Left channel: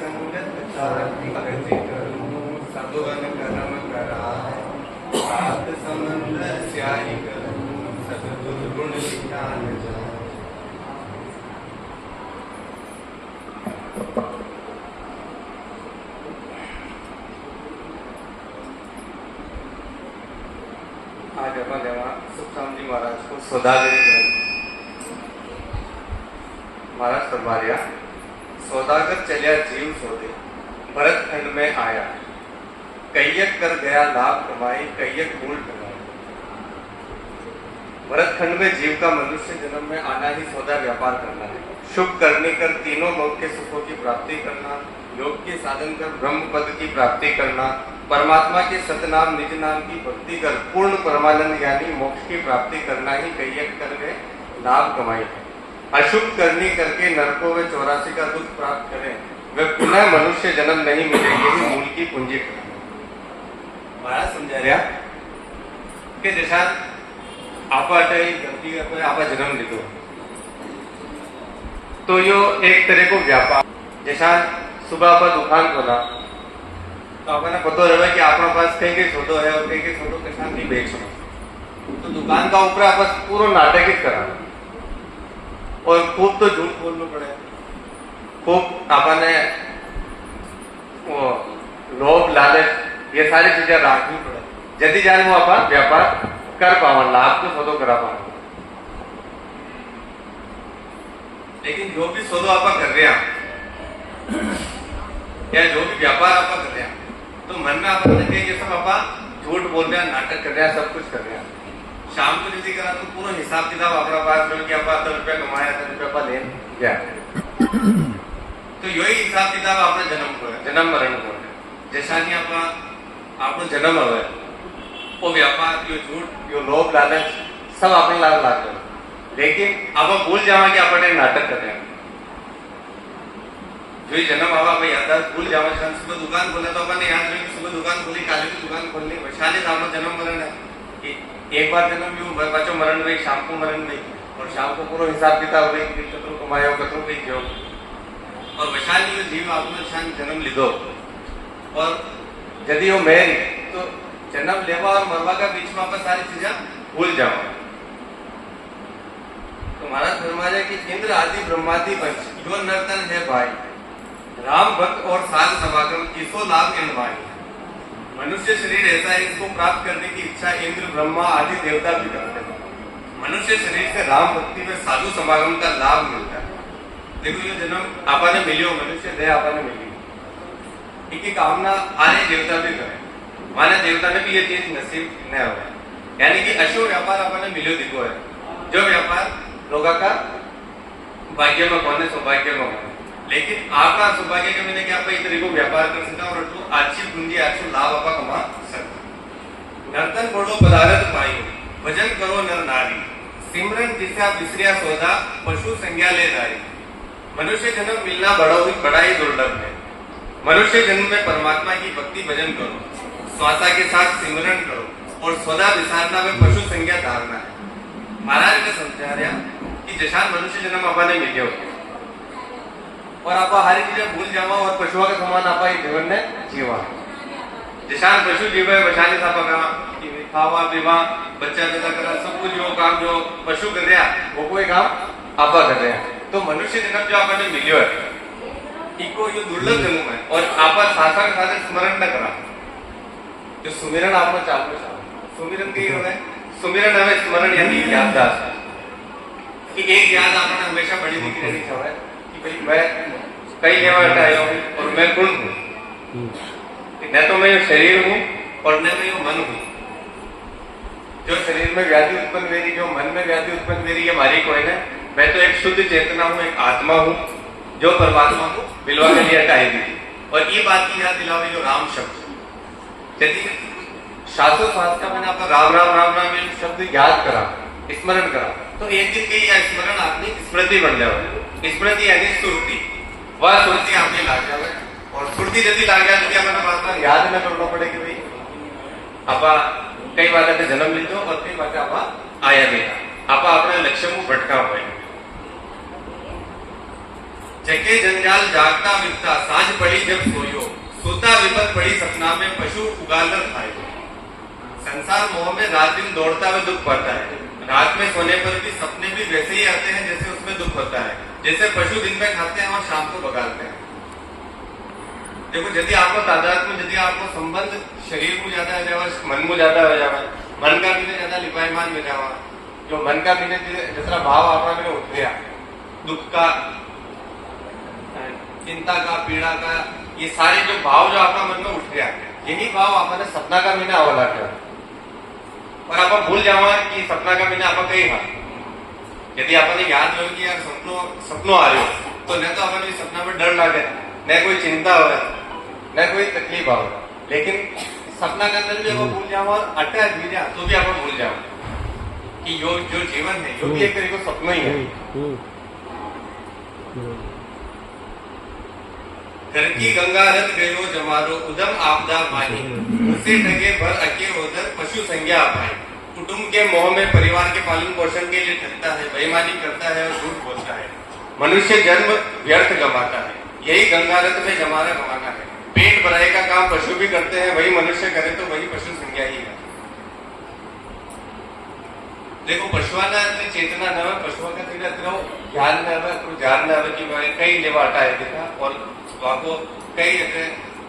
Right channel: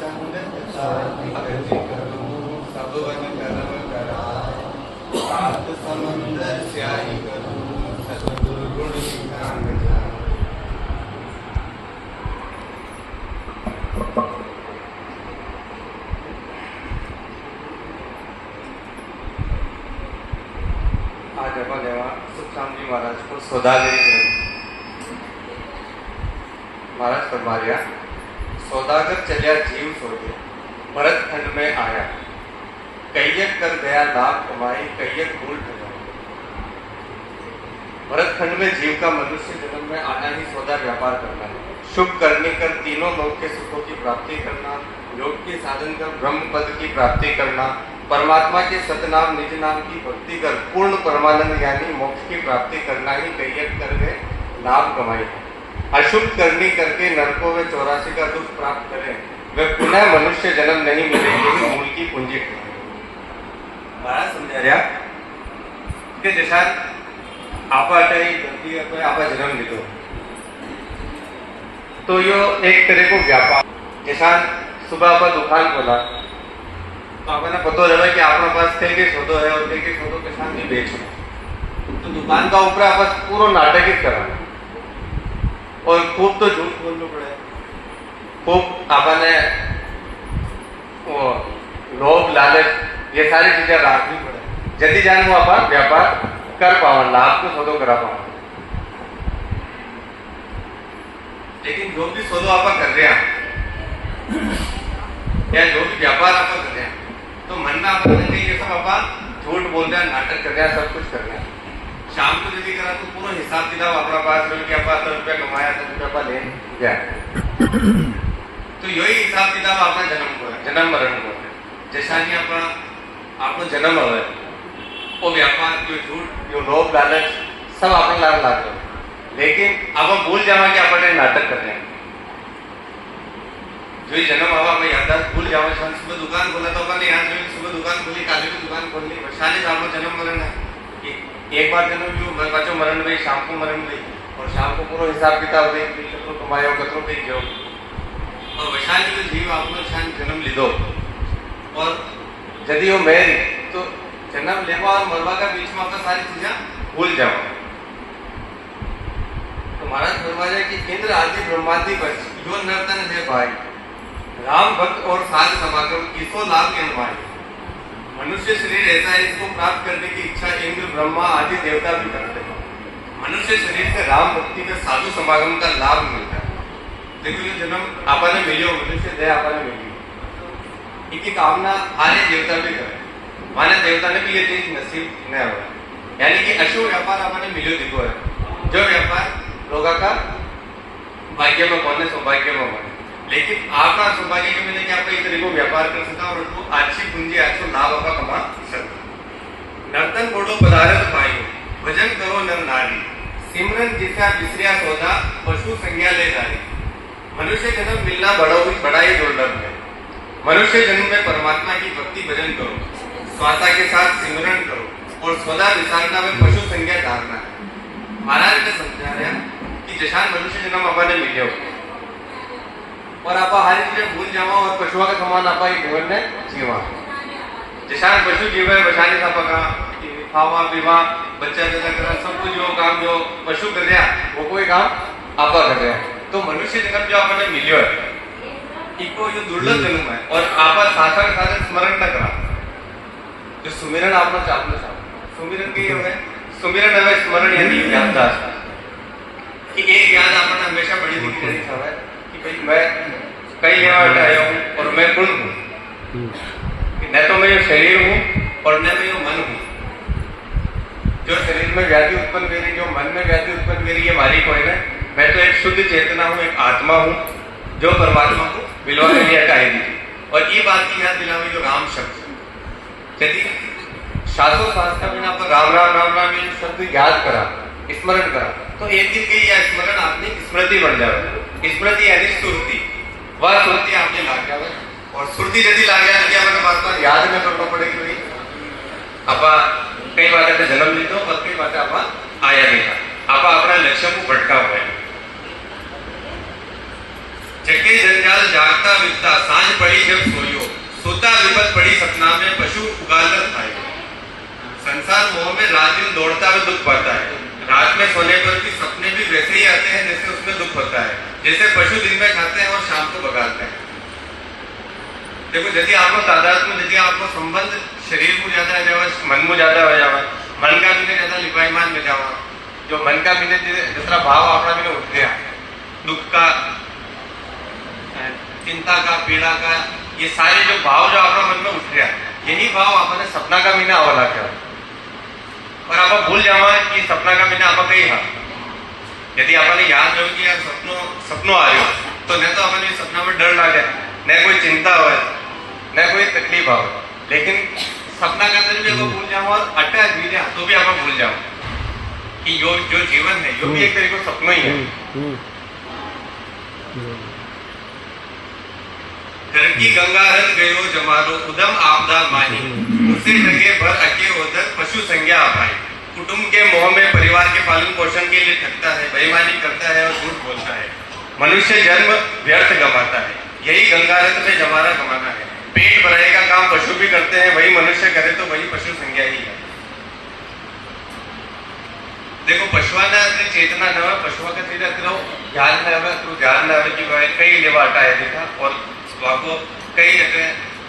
संगत साथी गति करूं सब वन कर्म कराए सात समंदर स्याही करूं सब दुर्गुण विज्ञान जाए। आज अपन जेव्हा सुखराम जी महाराज को सौदागरी ग्रंथ महाराज फरमा रिया सौदागर चलिया जीव सोधे भरत खंड में आया कैयक कर गया लाभ कमाई कैयक भूल ठगाई। भरत खंड में जीव का मनुष्य जन्म में आना ही सौदा व्यापार करना है, शुभ करने कर तीनों लोक के सुखों की प्राप्ति करना, योग के साधन कर ब्रह्म पद की प्राप्ति करना, परमात्मा के सतनाम निज नाम की भक्ति कर पूर्ण परमानंद यानी मोक्ष की प्राप्ति करना ही कैयक कर गए लाभ कमाई है। अशुभ करनी करके नरकों में 84 का दुख प्राप्त करें वे पुनः मनुष्य जन्म नहीं मिले, यही मूल की पूंजी है। महाराज समझा रहा कि जैसा आप गलती आप जन्म लीधो तो यो एक तरह को व्यापार जैसा सुबह आप दुकान खोला तो आपने पता रहे कि अपने पास कई सौदो है और कई सौदो के साथ ही बेचो तो दुकान का ऊपर आप पूरा नाटक ही करा और खूब तो झूठ बोलना पड़े, खूब आपने वो लोभ लालच ये सारी चीजें रखनी पड़े जल्दी जान वो आप व्यापार कर पावा लाभ को सौदो करा पावा। लेकिन जो भी सौदो आप कर रहे हैं या जो भी व्यापार आप कर रहे हैं तो मन में आप ये सब आप झूठ बोल रहे हैं, नाटक कर रहे हैं, सब कुछ कर रहे हैं। शाम को यदि करा तो पूरा हिसाब किताब अपना पास रहो कि आप 10 रुपया कमाया 10 रुपया आप ले गया तो यही हिसाब किताब आपने जन्म को है, जन्म मरण को है। जैसा नहीं आपको जन्म है वो व्यापार जो झूठ जो लोभ लालच सब आपने लाभ लाग दो, लेकिन अब हम भूल जावा कि अपने नाटक कर रहे हैं। जो ही जन्म आवा मैं याद भूल जावा सुबह दुकान खोला तो अपने याद रही सुबह दुकान खोली काली की दुकान खोलनी वैशाली सामने जन्म मरण है कि एक बार जन्म यू बच्चों मरण गई शाम को मरण गई और शाम को पूरा हिसाब किताब गई कतरो कमाया कतरो गई जो और वैशाली जो जीव आपने शान जन्म लीधो और यदि वो मेरी तो जन्म लेवा और मरवा का बीच में आप सारी चीजें भूल जाओ। तो महाराज फरमाया कि इंद्र आदि ब्रह्मादि वंश जो नर्तन है भाई राम भक्त और साध समागम किसो लाभ भाई। मनुष्य शरीर ऐसा है इसको प्राप्त करने की इच्छा इंद्र ब्रह्मा आदि देवता भी करते हैं। मनुष्य शरीर से राम भक्ति में साधु समागम का लाभ मिलता है। देखो ये जन्म आपने मिलियो मनुष्य देह आपने मिली एक कामना आने देवता भी करे माने देवता ने भी ये चीज नसीब न हो यानी कि अशुभ व्यापार आपने मिलियो दिखो है जो व्यापार लोगों का भाग्य में कौन सौभाग्य में बने, लेकिन आपका सौभाग्य के मैंने कि आप इस तरीके को व्यापार कर सकता और तो अच्छी पूंजी अच्छो लाभ आप कमा सकता। नर्तन बोलो पदार्थ पाई भजन करो नर नारी सिमरन जिसे बिसरिया सौदा पशु संज्ञा ले जाए। मनुष्य जन्म मिलना बड़ा ही दुर्लभ है। मनुष्य जन्म में परमात्मा की भक्ति भजन करो, स्वासा के साथ सिमरन करो और सौदा विसारना में पशु संज्ञा धारना है। महाराज ने समझा रहा कि जैसा मनुष्य जन्म अपने मिले और आप हर चीजें भूल जावा और पशुओं के समान आप जीवन में जीवा। जैसा पशु जीव है वैसा का खावा पीवा बच्चा पैदा करना सब कुछ जो काम जो पशु कर रहा वो कोई काम आप कर रहे हैं। तो मनुष्य जन्म जो आपने मिलियो है इको जो दुर्लभ जन्म है और आप सासा के साथ स्मरण न करा जो सुमिरन आपने चालू सुमिरन के है सुमिरन है स्मरण यानी याददाश्त कि एक याद आपने हमेशा बड़ी दिखी रहनी है कि भाई मैं कई लेवा आया हूँ और मैं गुण हूँ न तो मैं शरीर हूँ और न मैं मन हूँ। जो शरीर में व्याधि उत्पन्न वेरी जो मन में व्याधि उत्पन्न वेरी ये हमारी कोई नहीं, मैं तो एक शुद्ध चेतना हूँ एक आत्मा हूँ जो परमात्मा को बिलवा के लिए हटाएगी। और ये बात की याद दिलावी जो राम शब्द यदि शास्त्रों शास्त्र मैंने आप राम राम राम राम ये शब्द याद करा स्मरण करा तो एक दिन के यह स्मरण आपकी स्मृति बन जाए। स्मृति यानी सुरती वह सुरती आपने लाग जाए और सुरती यदि लाग जाए तो आपने बार बार याद न करना पड़ेगी भाई आप कई बातें जन्म लीधो और कई बातें आप आया देखा आप अपना लक्ष्य को भटका हुआ है। जगे जंजाल जागता बिकता सांझ पड़ी विपदा विपद पड़ी सपना में पशु उगालर खाए। संसार मोह में रात दिन दौड़ता हुआ दुख पड़ता है। रात में सोने पर भी सपने भी वैसे ही आते हैं जैसे उसमें दुख होता है, जैसे पशु दिन में खाते हैं और शाम को बगालते हैं। देखो, यदि आपको तादाद में यदि आपको संबंध शरीर को ज्यादा आ जावा, मन को ज्यादा हो जावा, मन का भी ज्यादा लिपाईमान में जावा, जो मन का भी जितना भाव अपना भी उठ गया, दुख का, चिंता का, पीड़ा का, ये सारे जो भाव जो अपना मन में उठ गया, यही भाव आपने सपना का महीना आवला क्या और आप भूल जावा कि सपना का महीना आप कही हाँ। यदि आपने याद रहो कि यार सपनों आ रहे हो, तो न तो अपने सपना में डर लगे, न कोई चिंता हो, न कोई तकलीफ हो, लेकिन सपना के अंदर भी आप भूल जाओ और अट्टा भी जाओ तो भी आप भूल जाओ कि जो जीवन है जो भी एक तरीके का सपना ही है। घर की गंगा रथ गयो जमारो उदम आपदा मानी, उसे ढगे भर अके उधर पशु संज्ञा अपाई। कुटुंब के मोह में परिवार के पालन पोषण के लिए ठगता है, बेईमानी करता है और झूठ बोलता है। मनुष्य जन्म व्यर्थ गंवाता है, यही गंगा रथ में जमाना गंवाना है। पेट भराने का काम पशु भी करते हैं, वही मनुष्य करे तो वही पशु संज्ञा ही है। देखो, पशुआ ने चेतना न हो, पशुआ का सीधा ज्ञान न हो, तो ज्ञान न हो कि कई लेवा हटाए देखा और आपको कई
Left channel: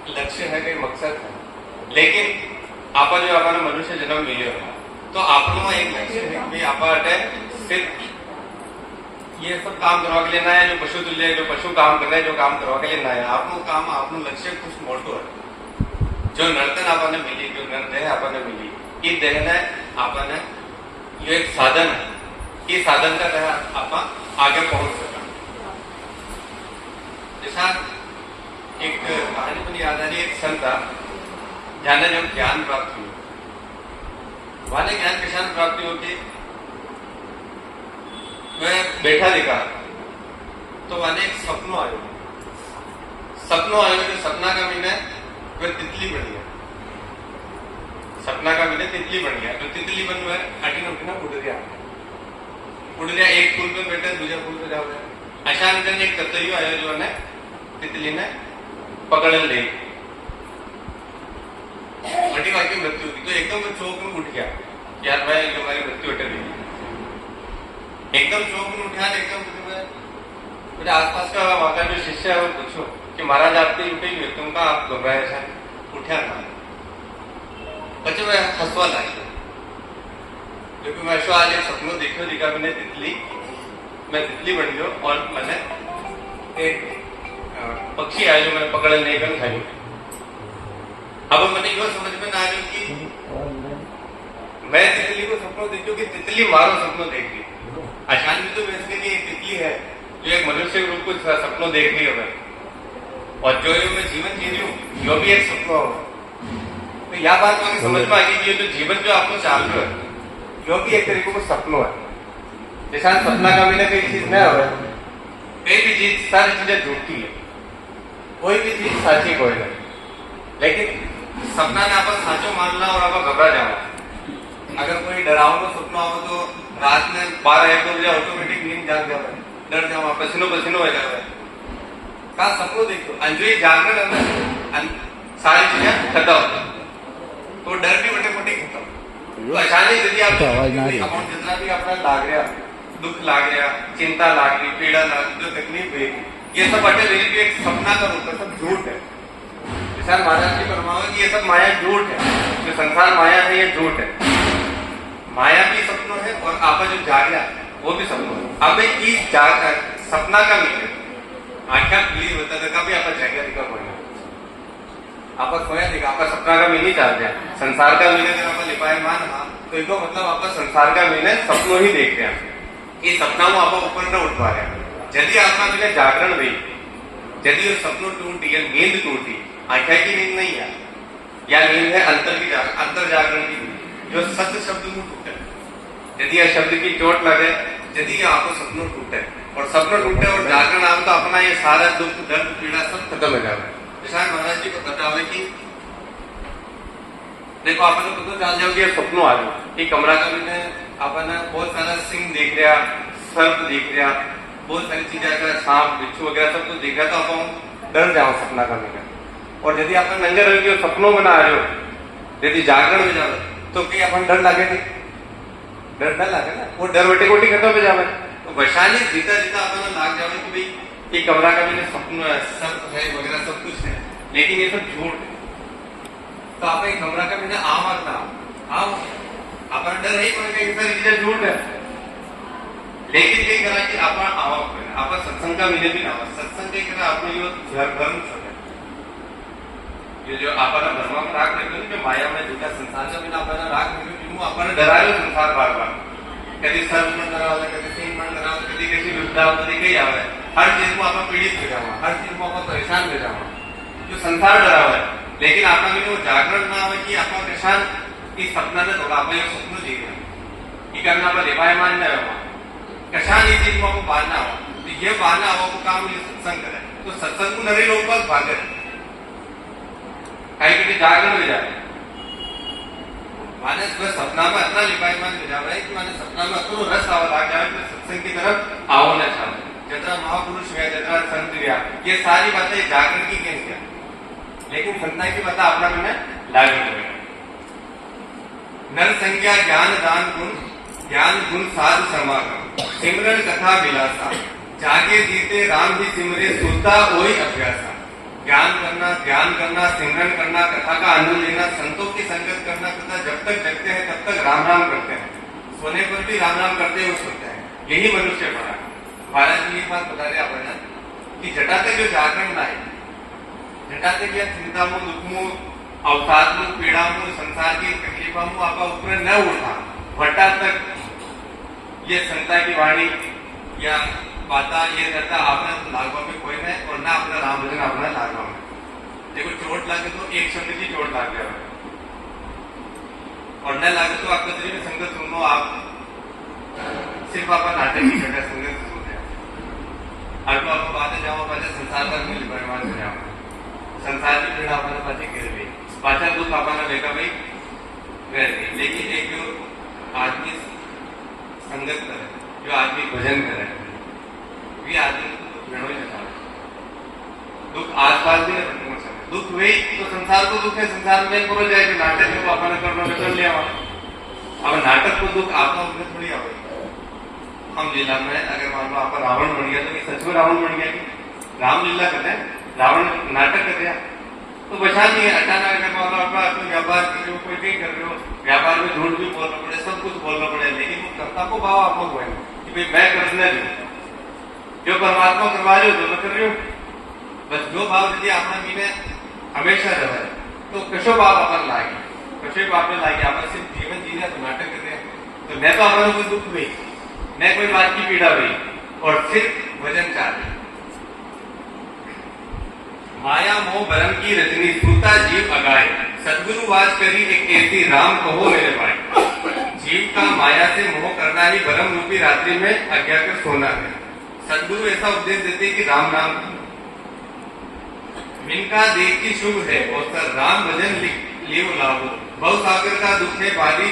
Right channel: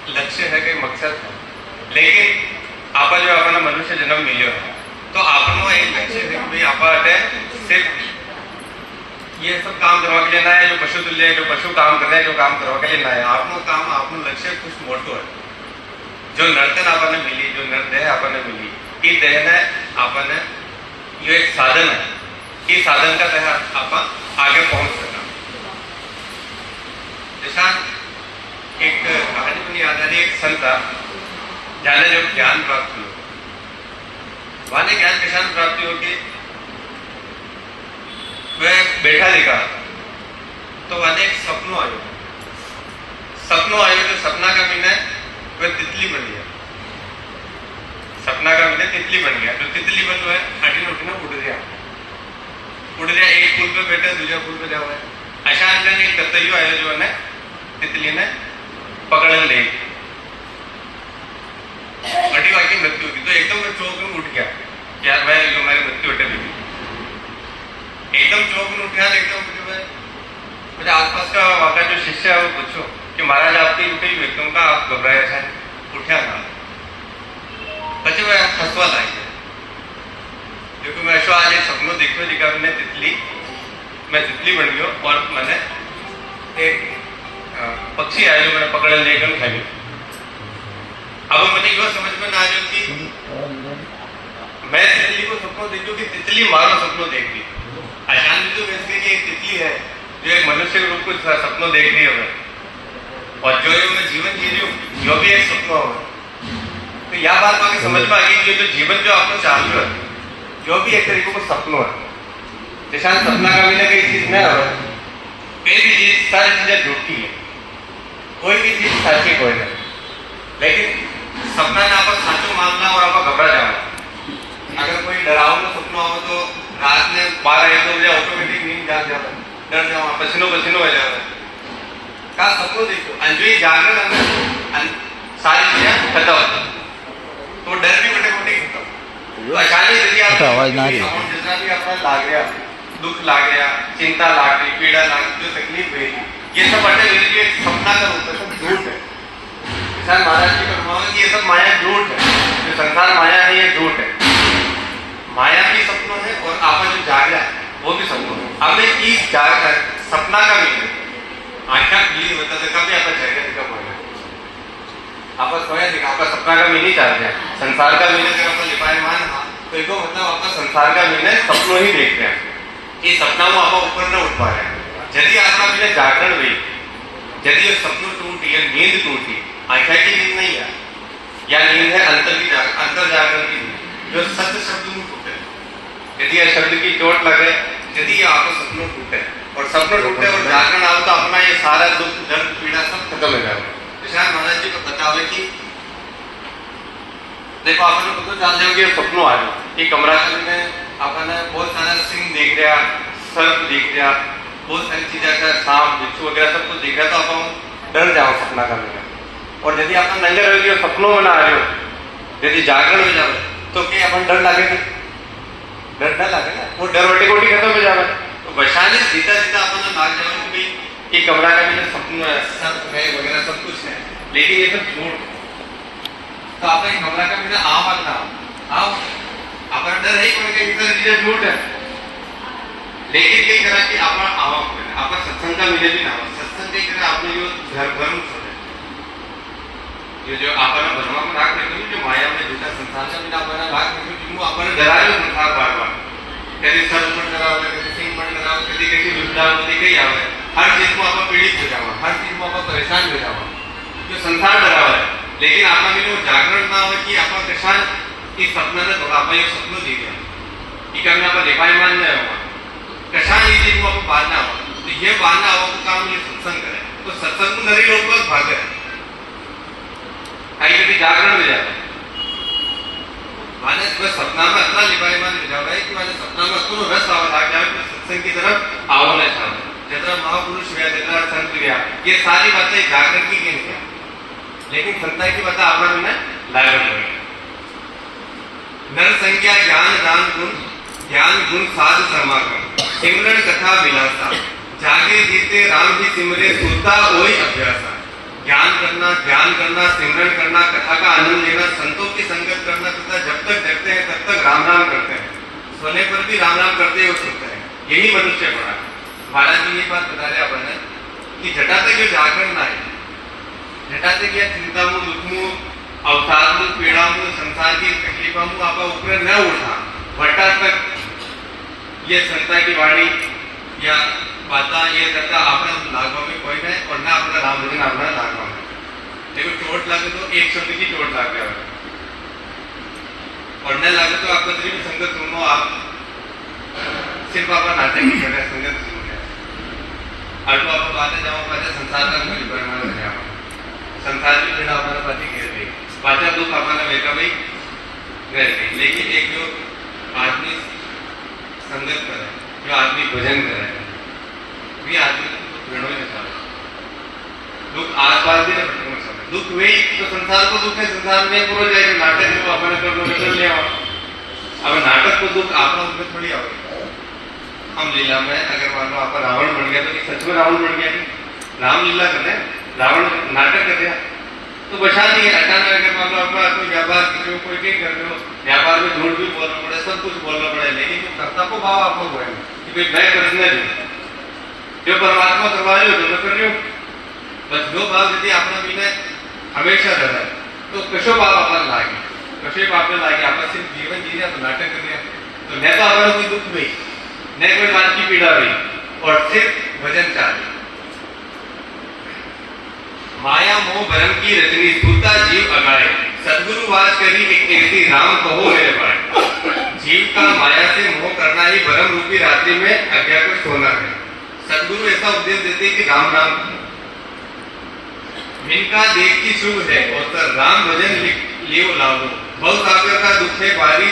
लक्ष्य है, कई मकसद है, लेकिन आप जो अपना मनुष्य जन्म मिलो है तो आपनो एक लक्ष्य है कि भाई आप सिर्फ ये सब काम करवा के लिए ना है, जो पशु तुल्य है, जो पशु काम कर रहे हैं, जो काम करवा के लिए ना है। आपनो काम, आपनो लक्ष्य कुछ मोटो है। जो नर्तन आपने मिली, जो नरदेह आपने मिली, ये देह ने आपने ये एक साधन है, ये साधन का तहत आप आगे पहुंच सका। जैसा एक कहानी मुझे याद आ रही, एक संत था जाने जब ज्ञान प्राप्त हुआ, वाने ज्ञान किसान प्राप्ति होगी, मैं बैठा देखा तो वाने एक सपनों आयो जो सपना का मीन है वह तितली बन गया। सपना का मीन तितली बन गया, जो तितली बन है आटी उठना उड़ गया, एक फूल पे बैठा दूसरा फूल पे जाओ। अशांत एक कतैयो आयो जो है तितली ने पकड़न ले अटी वाकी मृत्यु की, तो एकदम चौक में उठ गया, यार भाई जो हमारी मृत्यु अटे हुई, एकदम चौक में उठा, एकदम मुझे आसपास का वहां जो शिष्य है वो पूछो कि महाराज आपकी एकदम का आप घबराया था, उठा था, પછી मैं हंसवा लागी, क्योंकि मैं ऐसा आज एक सपनों देखो जिका मैं तितली बन गयो और मैंने एक पक्षी आयो जो मैंने पकड़ लेकर खाई। अब मैंने यो समझ में ना आयो कि मैं तितली को सपनों देखो कि तितली मारो सपनों देख रही। अशांति तो वैसे कि एक तितली है जो एक मनुष्य के रूप को सपनों देख रही है, और जो मैं जीवन जी रही हूँ जो भी एक सपना हो, तो यह बात आगे समझ में आ गई कि जो जीवन जो आपको चाल रहा है जो भी एक तरीके को सपनों है, जैसा सपना का भी ना कोई चीज न हो, कई भी चीज सारी चीजें झूठी है, कोई भी चीज साची कोई नहीं, लेकिन सपना ने आप साचो मानना और आप घबरा जाओ। अगर कोई डरावना सपना हो तो रात में 12-1 बजे ऑटोमेटिक नींद जाग जाओ, डर जाओ, पसीनो हो जाओ। का सपनों देखो अंजोई जागरण सारी चीजें खत्म, तो डर भी बटे खत्म। तो अचानक यदि आप जितना भी अपना लाग रहा, दुख लाग रहा, चिंता लाग रही, पीड़ा लाग रही, जो तकलीफ हुई, ये सब बटे मेरे लिए एक सपना का रूप है, सब झूठ है। किसान महाराज जी फरमाओगे कि ये सब माया झूठ है, जो संसार माया है ये झूठ है। माया भी सपनों है और आप जो जाग रहा है वो भी सपनों है। अब इस सपना का भी आख्या क्लियर होता था, कभी आप जाएगा दिखा बोलना आप सोया दिखा, आपका सपना का मीनी चाल रहा है, संसार का मीन अगर आप लिपायमान हाँ तो इसको मतलब आपका संसार का मीन है सपनों ही देख रहे हैं। ये सपना वो आप ऊपर न उठ पा रहे हैं। यदि आपका मीन जागरण हुई, यदि ये सपनों टूटी या नींद टूटी, आख्या की नींद नहीं है, या नींद है अंतर जागरण की नींद, जो सत्य शब्द में टूटे। यदि यह शब्द की चोट लगे, यदि ये आपको सपनों टूटे और सपनों टूटे और जागरण आओ तो अपना ये सारा दुख दर्द पीड़ा सब खत्म हो जाए। विशाल महाराज जी को बताओ कि देखो आपने खुद जान जाओ कि सपनों आ जाओ, ये कमरा का मैंने आपने बहुत सारा सिंह देख रहा, सर्प देख रहा, बहुत सारी चीजें का सांप बिच्छू वगैरह सब कुछ देख रहा, तो आप डर जाओ सपना का मैंने। और यदि आप नंगे रह गए सपनों में ना आ रहे हो, यदि जागरण में जाओ तो कहीं अपन डर लागे नहीं, डर ना लागे ना, वो डर वटे कोटी खत्म हो जावे। तो वैशाली जीता जीता अपन लाग जाओ कि भाई ये कमरा का मैंने सपना सब वगैरह सब कुछ है, लेकिन ये सब झूठ। तो आप एक कमरा का मैंने आम आता आओ अपन डर है कोई कहीं सर चीजें झूठ है, लेकिन कई करा कि अपन आवा आप सत्संग का मिले भी ना सत्संग कई करा आपने जो धर्म ये जो आपने धर्म में राग रखी जो माया में जूता संसार से बिना अपना राग रखी जिनको अपन डरायो संसार बार बार कभी सर मन करावे कभी सिंह मन करावे कभी किसी वृद्धावस्था कई आवे, हर चीज को आप पीड़ित हो जावा, हर चीज में आप परेशान हो जावा, जो संसार डरावे। लेकिन आपका में जागरण ना हो कि आपका किसान इस सपना ने थोड़ा आप एक सपनों जी गया कि कभी आप दिपायमान न हो किसान ये चीज को आप पालना हो, तो ये पालना हो तो काम ये सत्संग करे, तो सत्संग को नरी लोग बहुत भाग रहे कहीं कभी जागरण में जाता माने बस सपना में इतना लिपायमान हो जावे कि माने सपना में इतना रस आवत आ जाए कि सत्संग की तरफ आओ ना चाहे, जितना महापुरुष है जितना संत गया ये सारी बातें जागरण की नहीं है, लेकिन संता की बात अपना में लागण लगे। नर संख्या ज्ञान गुण साध समागम सिमरन कथा विलासा जागे जीते राम ही सिमरे सुता ओई अभ्यासा। ज्ञान करना ध्यान करना सिमरन करना कथा का आनंद लेना संतों की संगत करना तथा जब तक जगते हैं तब तक राम राम करते हैं, सोने पर भी राम राम करते हुए सोते हैं, यही मनुष्य पड़ा। महाराज जी ये बात बता रहे अपन कि जटाते जो जागरण ना है जटाते की चिंता मु दुख मु अवसाद मु पीड़ा मु संसार की तकलीफा मु आपका ऊपर न उठा भट्टा तक ये संता की वाणी या बाता ये करता आपने लागवा में कोई नहीं और ना अपना राम भजन अपना लागवा में देखो चोट लगे तो एक शब्द की चोट लाग गया और न लगे तो आपको कतरी में संगत सुनो आप सिर्फ आप नाटक की करना संगत सुनो है अब तो आप बातें जाओ पहले संसार का मुझे परिमाण हो जाओ संसार की पीड़ा अपना पति गिर गई पाचा दुख अपना बेटा भाई गिर गई, लेकिन एक जो आदमी संगत करे जो आदमी भजन करे भी आदमी घणो ही नहीं दुख आसपास भी नहीं समय दुख वही तो संसार को दुख है संसार में पूरा जाएगा नाटक है वो अपने करने में चल लिया अब नाटक को दुख आपका दुख थोड़ी आवे। हम लीला में अगर मान लो आपका रावण बन गया तो सच में रावण बन गया कि राम लीला करते हैं रावण नाटक कर दिया तो बचा नहीं है। अचानक अगर मान लो आपका कोई व्यापार कर कोई कहीं कर रहे हो व्यापार में झूठ भी बोलना पड़े सब कुछ बोलना पड़े, लेकिन वो कर्ता को भाव आपको हुआ कि भाई मैं करने दूं जो परमात्मा करवा रहे हो तो मैं कर रही हूँ बस जो भाव यदि आपने मीने हमेशा रहे तो कशो भाव अपन लागे कशे आपने लागे आप सिर्फ जीवन जीने तो नाटक कर दिया तो न तो आपने कोई दुख हुई न कोई बात की पीड़ा हुई और सिर्फ भजन चाहे। माया मोह भरम की रजनी सूता जीव अगाए सदगुरु वास करी एक ऐसी राम कहो मेरे भाई। जीव का माया से मोह करना ही भरम रूपी रात्रि में अज्ञा कर सोना है। सदगुरु ऐसा उपदेश देते कि राम राम इनका देखती शुभ है और राम भजन लियो लाभो बहु सागर का दुख है पारी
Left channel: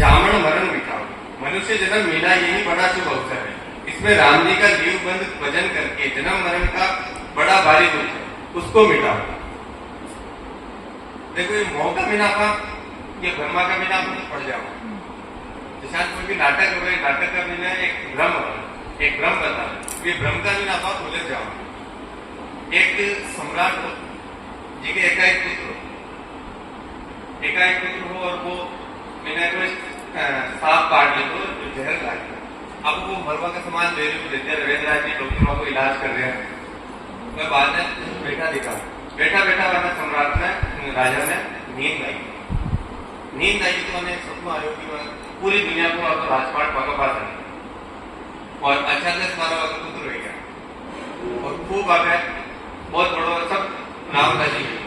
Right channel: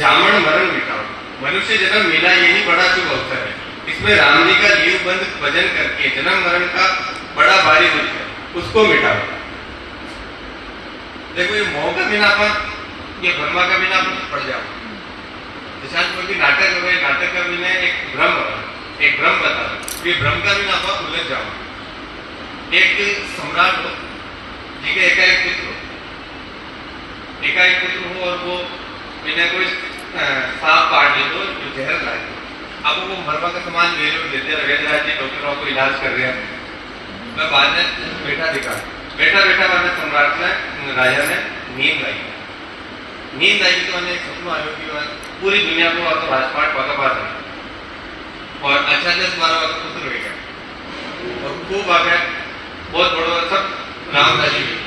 जामन मरण मिटाओ। मनुष्य जन्म मिला यही बड़ा शुभ अवसर है, इसमें राम जी का जीव बंद भजन करके जन्म मरण का बड़ा भारी दुख है उसको मिटाओ। देखो ये मोह का बिना अपन ये भ्रमा का बिना अपन पड़ जाओ जैसा कोई भी नाटक हो नाटक का बिना एक भ्रम बता ये भ्रम का बिना आप उलझ जाओ। एक सम्राट हो जी के एकाएक पुत्र हो और वो बिना कोई सांप काट ले तो जो जहर लाए अब वो मरवा का सामान ले लो देते रविंद्र राज जी डॉक्टरों को इलाज कर रहे हैं। मैं बाद में बैठा मैंने सम्राट ने राजा ने नींद आई तो मैंने सपना आयो कि पूरी दुनिया को राजपाट वाका पास है और अचानक हमारा पुत्र हो गया और खूब आ गया बहुत बड़ो सब राम राजी हुई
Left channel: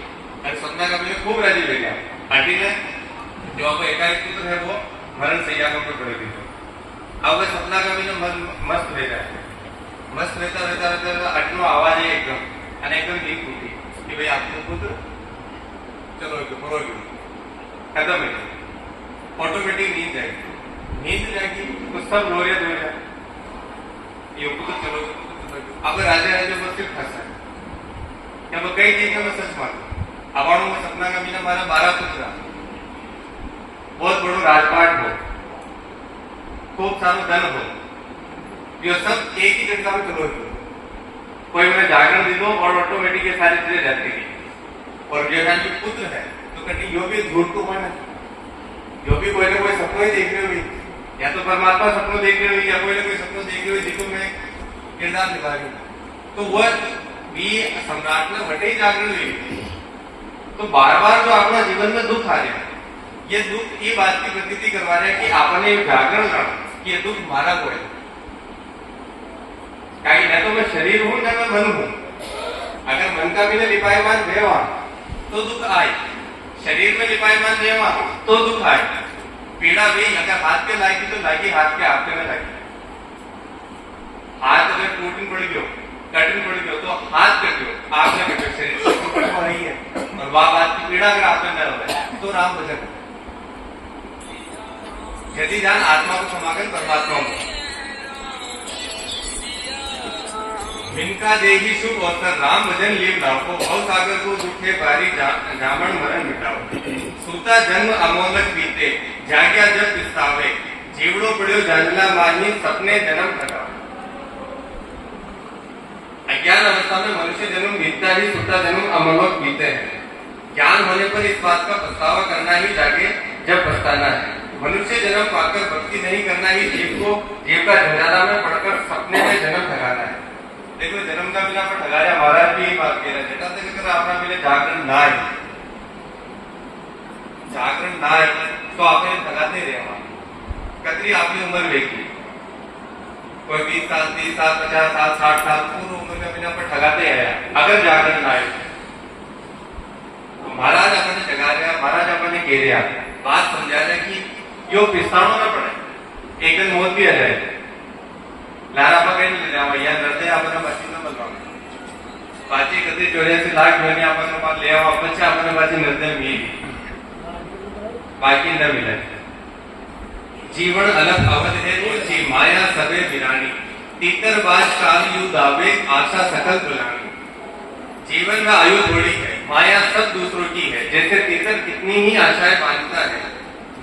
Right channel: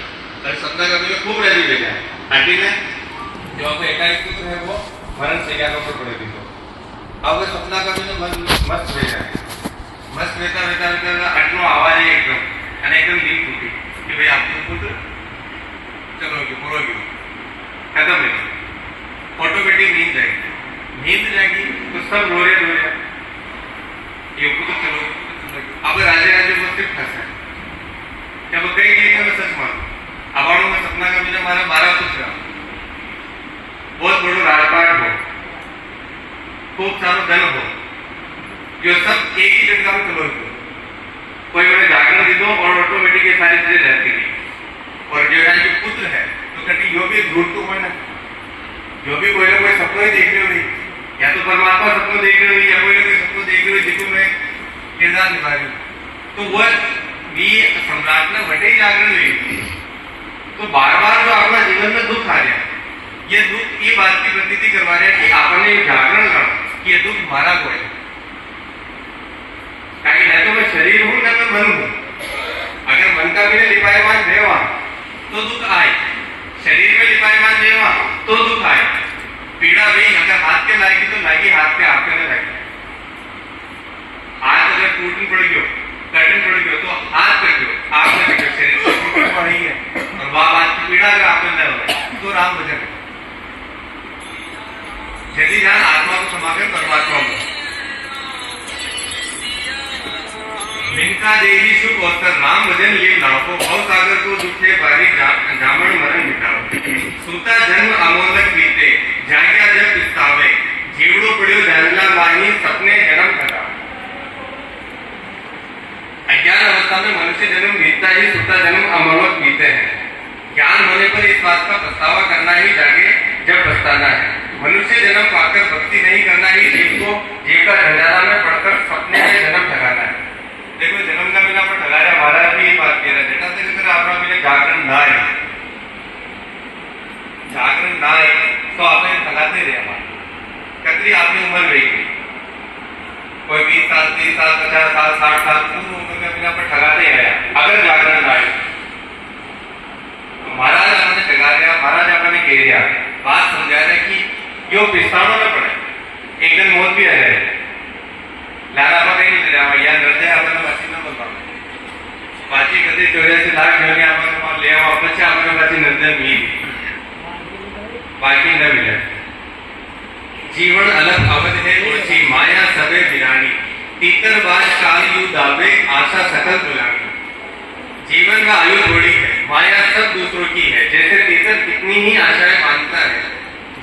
अरे सपना का मुझे खूब राजी हुई गया आंटी ने जो आपका एकाएक पुत्र है वो मरण सैया के ऊपर पड़े थी तो अब सपना का मुझे मस्त हो गया मस्त रहता आटलो आवाज है एकदम नींद टूटी कि भाई आपको पुत्र चलो पूरा गयो खत्म है ऑटोमेटिक नींद जाएगी तो सब रो रहे ये पुत्र चलो अब राजे वो सिर्फ फंसा है क्या वो कई चीजें मैं सच मानू अवाणु में सपना का बिना मारा 12 पुत्र बहुत बड़ो राजपाट हो खूब सारो धन हो ये सब एक ही झटका में कवर करो कोई मैंने जागरण दीदो और ऑटोमेटिक ये सारी चीजें रहती है और जो यहाँ के पुत्र है तो कभी जो भी झूठ तो हो ना जो भी कोई ना कोई सपना ही देख रहे हुई या तो परमात्मा सपना देख रहे हुई या कोई ना कोई सपना देख रहे हुई जिसको मैं किरदार निभा रही तो वह भी सम्राट ने बटे ही जागरण हुई तो बार बार जो अपना जीवन में दुख आ रहा है ये दुख ये बात की प्रतीति करवा रहे हैं कि आपने जागरण करना ये दुख मारा को है क्योंकि न तो मैं शरीर हूं न मैं मन हूं अगर मन का भी लिपायमान देवा तो दुख आए शरीर में लिपायमान देवा तो दुख आए पीड़ा भी अगर हाथ के लाएगी तो लाएगी हाथ पे आपके न लगे हाथ अगर टूटन पड़ गयो कटन पड़ गयो तो हाथ कट गयो आप न कटो शरीर तो टूट रही है और वह बात की पीड़ा अगर आपको न हो तो राम भजन यदि ध्यान आत्मा को समागम परमात्मा को लिंका देवी शुभ अवसर राम भजन लीव लाओ भव सागर को दुखे बारी जामन मरण मिटाओ सूता जन्म अमोलक बीते जाग्या जब पिस्तावे जीवड़ो पड़ियो जानला माही सपने जन्म घटाओ अज्ञान अवस्था में मनुष्य जन्म बीतता ही सूता जन्म अमोलक बीते हैं ज्ञान होने पर इस बात का पछतावा करना ही जागे जब पछताना है मनुष्य जन्म पाकर भक्ति नहीं करना ही जीव को जीव का झंझाला में पड़कर सपने में जन्म ठगाना है देखो जन्म का बिना पर ठगा रहा महाराज भी बात कह रहा है जेटा से अगर आपका बिना जागरण ना है तो आप ठगाते रहे कतरी आपकी उम्र रहेगी कोई 20 साल 30 साल 50 साल 60 साल पूर्ण उम्र का बिना पर ठगाते आया अगर जागरण ना आए महाराज आपने ठगा रहा महाराज आपने कह रहा बात समझा रहे कि यो पिस्तानो न पड़े एक दिन मौत भी आ जाए लारा पर कहीं नहीं जाओ या डरते आपने बची न बोलता बाकी कभी 84 लाख जो ने आपने मान ले आओ પછી आपने बाकी नजर मिली बाकी न मिला जीवन अलग अवध है ओछी माया सबे बिरानी तीतर बाज काल यु दावे आशा सकल दुलानी जीवन का आयु थोड़ी है माया सब दूसरों की है जैसे तीतर कितनी ही आशाएं बांधता है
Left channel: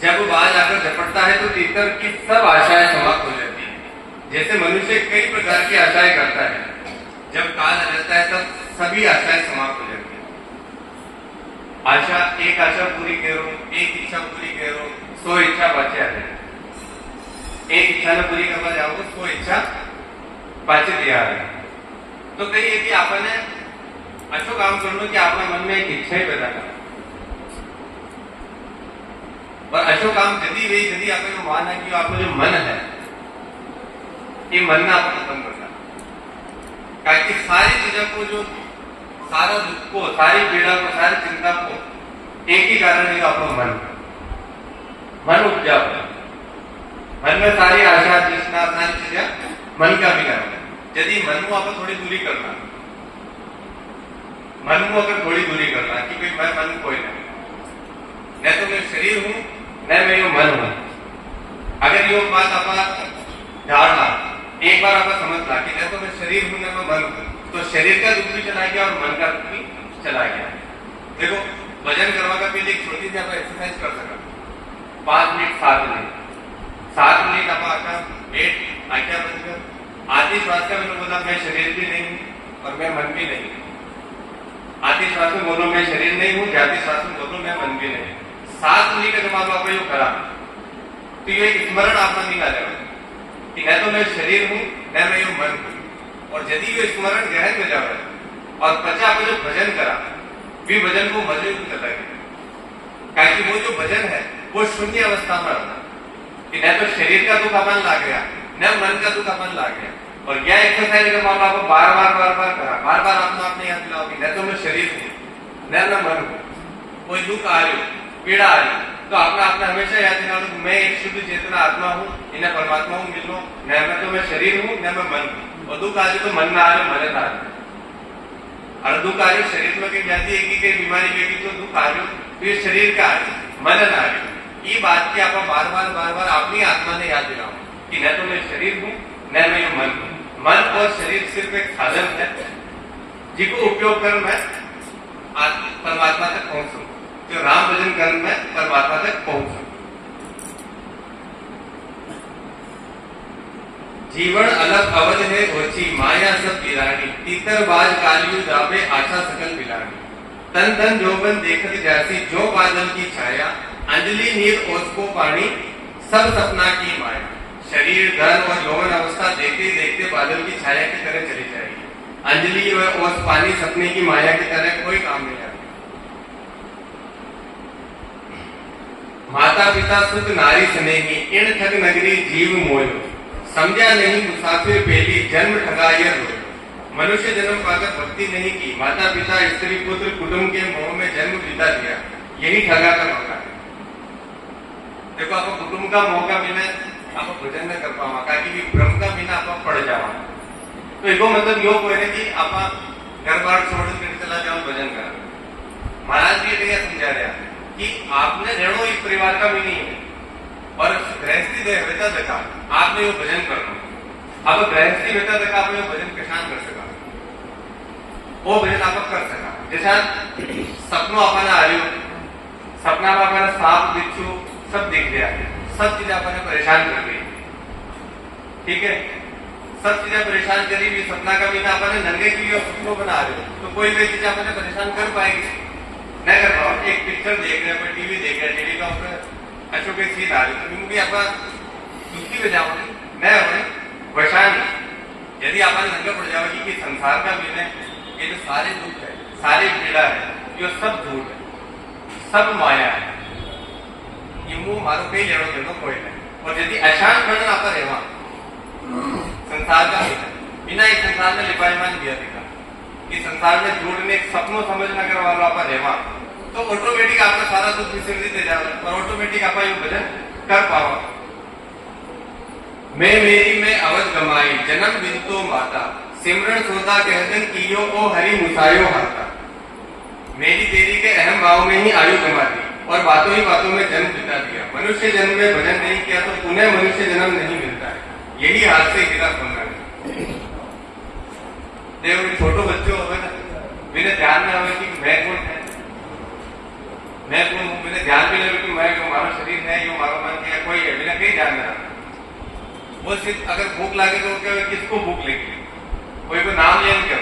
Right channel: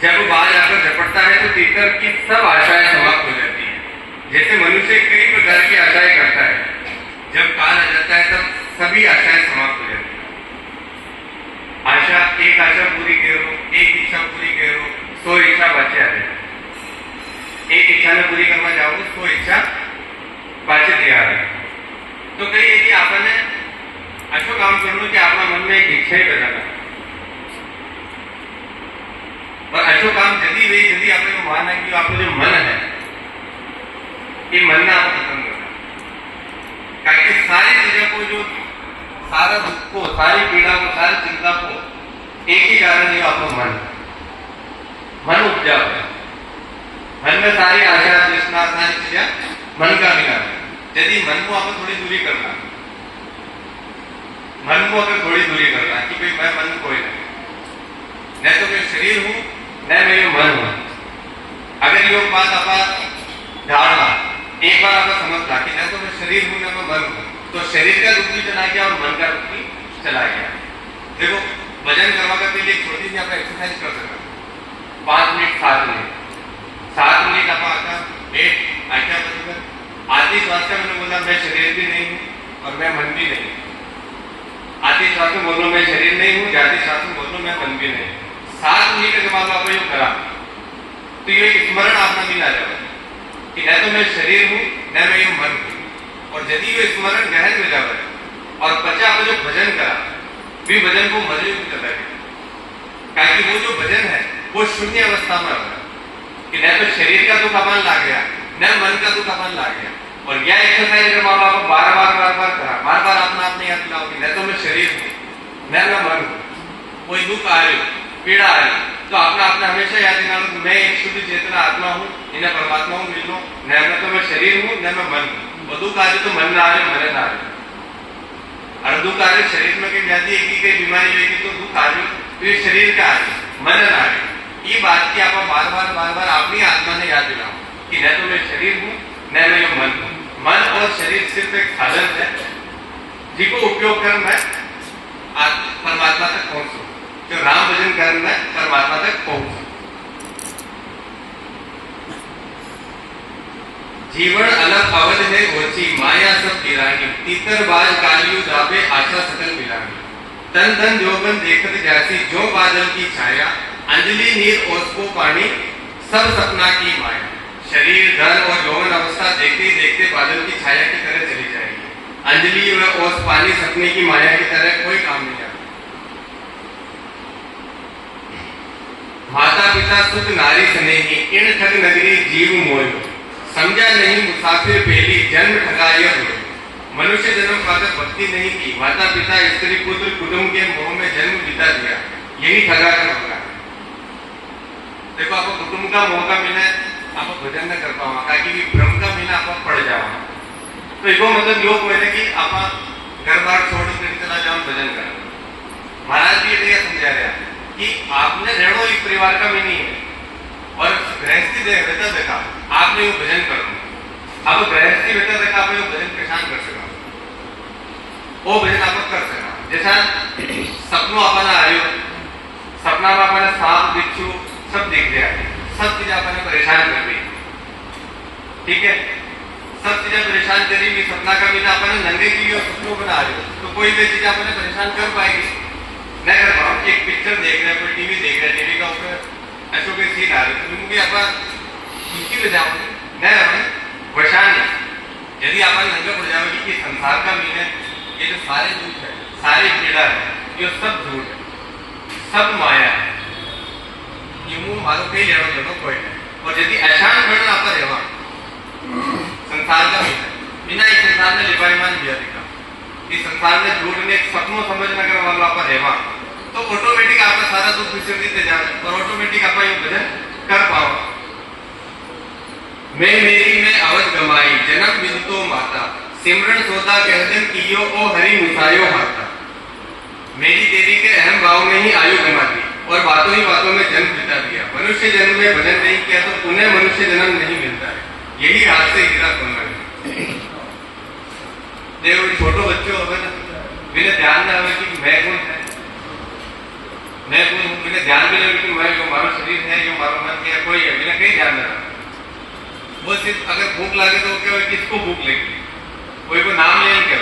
जब बाज आकर झपटता है तो तीतर की सब आशाएं समाप्त हो जाती है जैसे मनुष्य कई प्रकार की आशाएं करता है जब काल आ जाता है तब सभी आशाएं समाप्त हो जाती है आशा एक आशा पूरी करो एक इच्छा पूरी करो 100 इच्छा बचे आ जाए एक इच्छा ने पूरी करना जाओगे 100 इच्छा पाचे दिया है तो कई है कि आपने अच्छो काम करना कि आपका मन में एक इच्छा ही पैदा कर और अच्छो काम जल्दी वही जल्दी आपने को मानना है कि आपका जो मन है ये मन ना आपको खत्म करना क्योंकि सारी चीजों को जो सारा दुख को सारी पीड़ा को सारी चिंता को एक ही कारण है आपका मन उपजा है मन में सारी आशा तृष्णा सारी चीजें मन का भी कारण है यदि मन को आपको थोड़ी दूरी करना मन को अगर थोड़ी दूरी करना कि भाई मैं मन कोई नहीं न तो मैं शरीर हूं न मैं यो मन हूं अगर यो बात आप धारणा एक बार आपका समझ ला कि न तो मैं शरीर हूं न मैं मन हूं तो शरीर का दुख भी चला गया और मन का दुख भी चला गया देखो वजन करवा का पहले एक छोटी सी आप एक्सरसाइज कर सकते 5 मिनट 7 मिनट आप आका वेट आज्ञा बंद आधी श्वास का मैंने बोला मैं शरीर भी नहीं हूं और मैं मन भी नहीं आधी श्वास में बोलो मैं शरीर नहीं हूं जाती श्वास में बोलो मैं मन भी नहीं 7 मिनट के बाद आपको यो करा तो ये स्मरण आपका मिल आ जाएगा कि न तो मैं शरीर हूं न मैं ये मन हूं और यदि ये स्मरण गहन हो जाए और पचा आपको जो भजन करा भी भजन को मजबूत करता है क्योंकि वो जो भजन है वो शून्य अवस्था में होगा कि न तो शरीर का दुख अपन ला गया न मन का दुख अपन ला गया और यह एक्सरसाइज जब आप आपको बार बार करा बार बार अपना आपने याद दिलाओ कि न तो मैं शरीर हूं न मैं मन हूं कोई दुख आ रही पीड़ा आ रही तो आपने अपना हमेशा याद दिलाओ मैं एक शुद्ध चेतना आत्मा हूं इन्हें परमात्मा हूं मिल लो न तो मैं शरीर हूं न मैं मन हूं और दुख आ रही तो मन ना आ रहे मन ना आ रहे और दुख आ रहे शरीर में कहीं जाती है कि कई बीमारी लेगी तो दुख आ रही तो ये शरीर का आ रही मन ना आ रही ये बात की आप बार बार अपनी आत्मा ने याद दिलाओ कि न तो मैं शरीर हूं न मैं मन हूं मन और शरीर सिर्फ एक साधन है जिसको उपयोग करना है जो राम भजन करना परमात्मा तक पहुंच। जीवन अलग अवध है ओछी माया सब तिरागी तीतरबाज कालियु जाबे आशा सकल मिलागी तन तन जोबन देखत जासी जो बादल की छाया अंजलि नीर ओसको पानी सब सपना की माया। शरीर धन और यौवन अवस्था देखते देखते बादल की छाया की तरह चली जाएगी। अंजलि व ओस पानी सपने की माया की तरह कोई काम नहीं आता। माता पिता सुख नारी स्नेही इन ठग नगरी जीव मोयो समझा नहीं मुसाफिर पहली जन्म ठगाया रोए। मनुष्य जन्म पाकर भक्ति नहीं की माता पिता स्त्री पुत्र कुटुंब के मोह में जन्म बिता दिया यही ठगा का मौका है। देखो आपको कुटुंब का मौका मिले आप भजन न कर पाओ कि भ्रम का मिला आप पड़ जाओ तो एगो मतलब यो कोई कि आप घर बार छोड़ कर चला जाओ भजन कर। महाराज जी ये समझा रहा कि आपने रहना एक परिवार का भी नहीं है और गृहस्थी रहता देखा आपने वो भजन करना। अब गृहस्थी रहता देखा आपने वो भजन किसान कर सका वो भजन आप कर सका। जैसा सपनों अपना आ रही सपना में अपने सांप बिच्छू सब दिख रहा है सब चीजें अपने परेशान कर रही ठीक है सब चीजें परेशान करी भी सपना का भी अपने नंगे की और सपनों बना रहे हो तो कोई भी चीज अपने परेशान कर पाएगी न कर पाओ। एक पिक्चर देख रहे कोई टीवी देख रहे टीवी का ऊपर अशोक के सीन आ रहे तो तुमको आप दुखी हो जाओगे न परेशान। यदि आप नंगे पड़ जाओगे कि संसार का मीन है ये जो सारे दुख है सारे पीड़ा है ये सब झूठ है सब माया है ये मारो कई लेना देना कोई नहीं। और यदि अशांत करना आप रेवा संसार का मीन है बिना एक संसार में लिपाईमान दिया देखा कि संसार में झूठ ने सपनों समझना कर वाला आप रेवा तो ऑटोमेटिक आपका सारा दुख विसर्जित हो जाए और ऑटोमेटिक आप ये भजन कर पाओ। मैं मेरी में अवध गमाई जन्म बिंदु माता सिमरन सोता कह दिन कियो ओ हरि मुसायो हाथा। मेरी तेरी के अहम भाव में ही आयु गमा दी और बातों ही बातों में जन्म बिता दिया। मनुष्य जन्म में भजन नहीं किया तो उन्हें मनुष्य जन्म नहीं मिलता है यही हाथ से हीरा सुनना है। देखो छोटो बच्चों हो बिना ध्यान में आवे कि मैं कौन है मैं कौन हूँ बिना ध्यान में लगे कि मैं जो हमारा शरीर है जो हमारा मन है कोई है बिना कहीं ध्यान में रखा। वो सिर्फ अगर भूख लगे तो क्या किसको भूख लेगी कोई को नाम ले क्या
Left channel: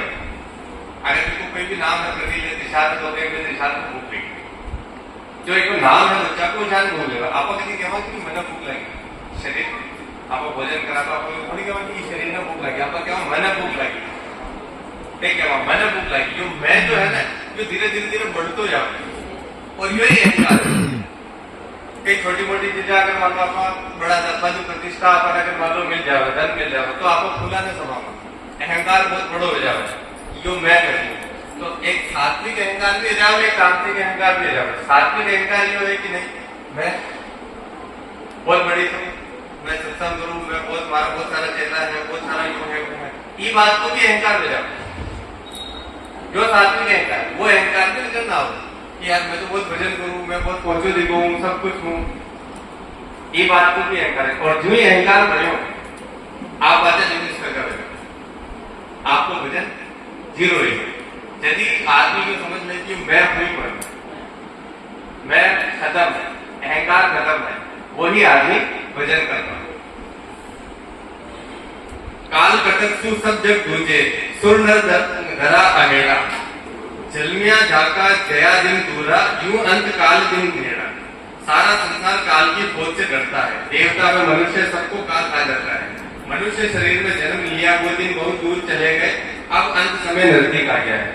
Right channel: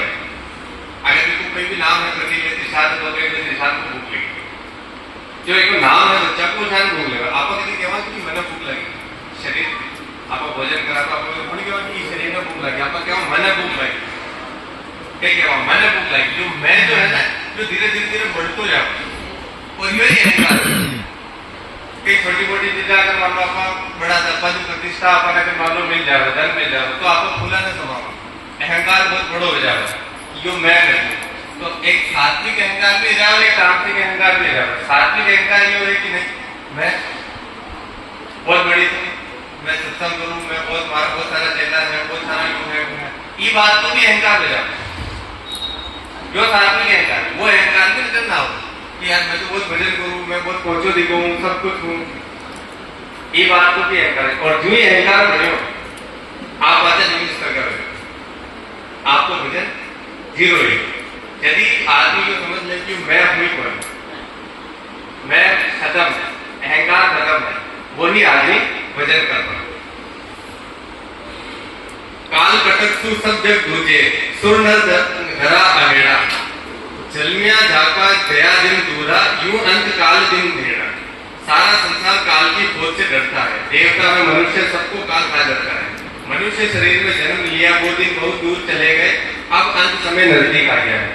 अगर किसको कोई भी नाम है प्रतिशत निषाद तो निषाद को भूख लेगी जो एक नाम है बच्चा को ध्यान भूख लेगा। आप कहीं कहवा कि मैंने भूख लगी शरीर आप भोजन करा तो आप थोड़ी कहवा कि शरीर में भूख लगी आप कहवा मैंने भूख लगी क्या कहवा मैंने भूख लगी जो मैं जो है ना जो धीरे धीरे धीरे बढ़ते जाओ और यही अहंकार एक छोटी मोटी चीजें अगर मान लो आप बड़ा सा पद प्रतिष्ठा अपन अगर मान लो मिल जाए धन मिल जाए तो आपको खुला न समाओ अहंकार बहुत बड़ा हो जाए जो मैं कहूँ तो एक सात्विक अहंकार भी रहा और एक तांत्रिक अहंकार भी रहा। सात्विक अहंकार ये है कि नहीं मैं बहुत बड़ी मैं सत्संग करूँ मैं बहुत हमारा बहुत सारा चेला है बहुत सारा यूं है ये बात को भी अहंकार हो जाता है। जो सात्विक अहंकार वो अहंकार भी नजर ना हो कि यार मैं तो बहुत भजन करूँ मैं बहुत पहुंचो दिखो हूँ सब कुछ हूँ ये बात को भी अहंकार है। और जो ही अहंकार करो आप बातें नहीं मिस करोगे आपको भजन जीरो ही। यदि आदमी जो समझ ले कि मैं हुई पूर्ण मैं खत्म है अहंकार खत्म है वही आदमी भजन कर रहा। काल कटक सु सब जग दूजे सुर नर धरा अहेड़ा जलमिया झाका दया दिन दूरा यूं अंत काल दिन भेड़ा। सारा संसार काल की खोज से डरता है देवता में मनुष्य सबको काल खा जाता है। मनुष्य शरीर में जन्म लिया वो दिन बहुत दूर चले गए अब अंत समय नजदीक आ गया है।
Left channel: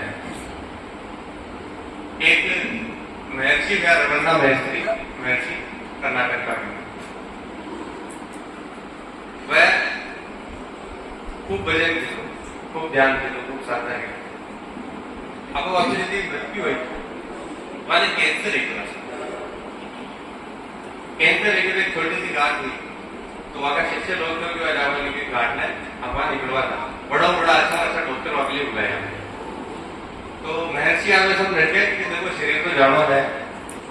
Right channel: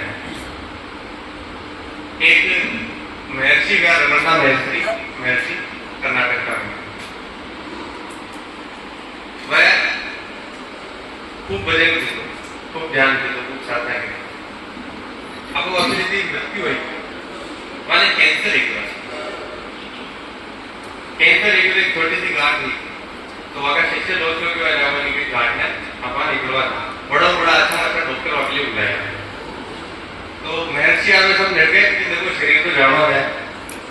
एक महर्षि का रमन्ना महर्षि कर्नाटक का वह खूब भजन खूब ध्यान देते खूब साधना करते अब वो अपनी मृत्यु हुई वाले कैंसर एक छोटी सी गांठ थी तो वहां शिष्य लोग गांठ है अपन निकलवा था बड़ा अच्छा डॉक्टर वाकली बुलाया तो महर्षि आगे सब मिल गए कि देखो शरीर को जाना है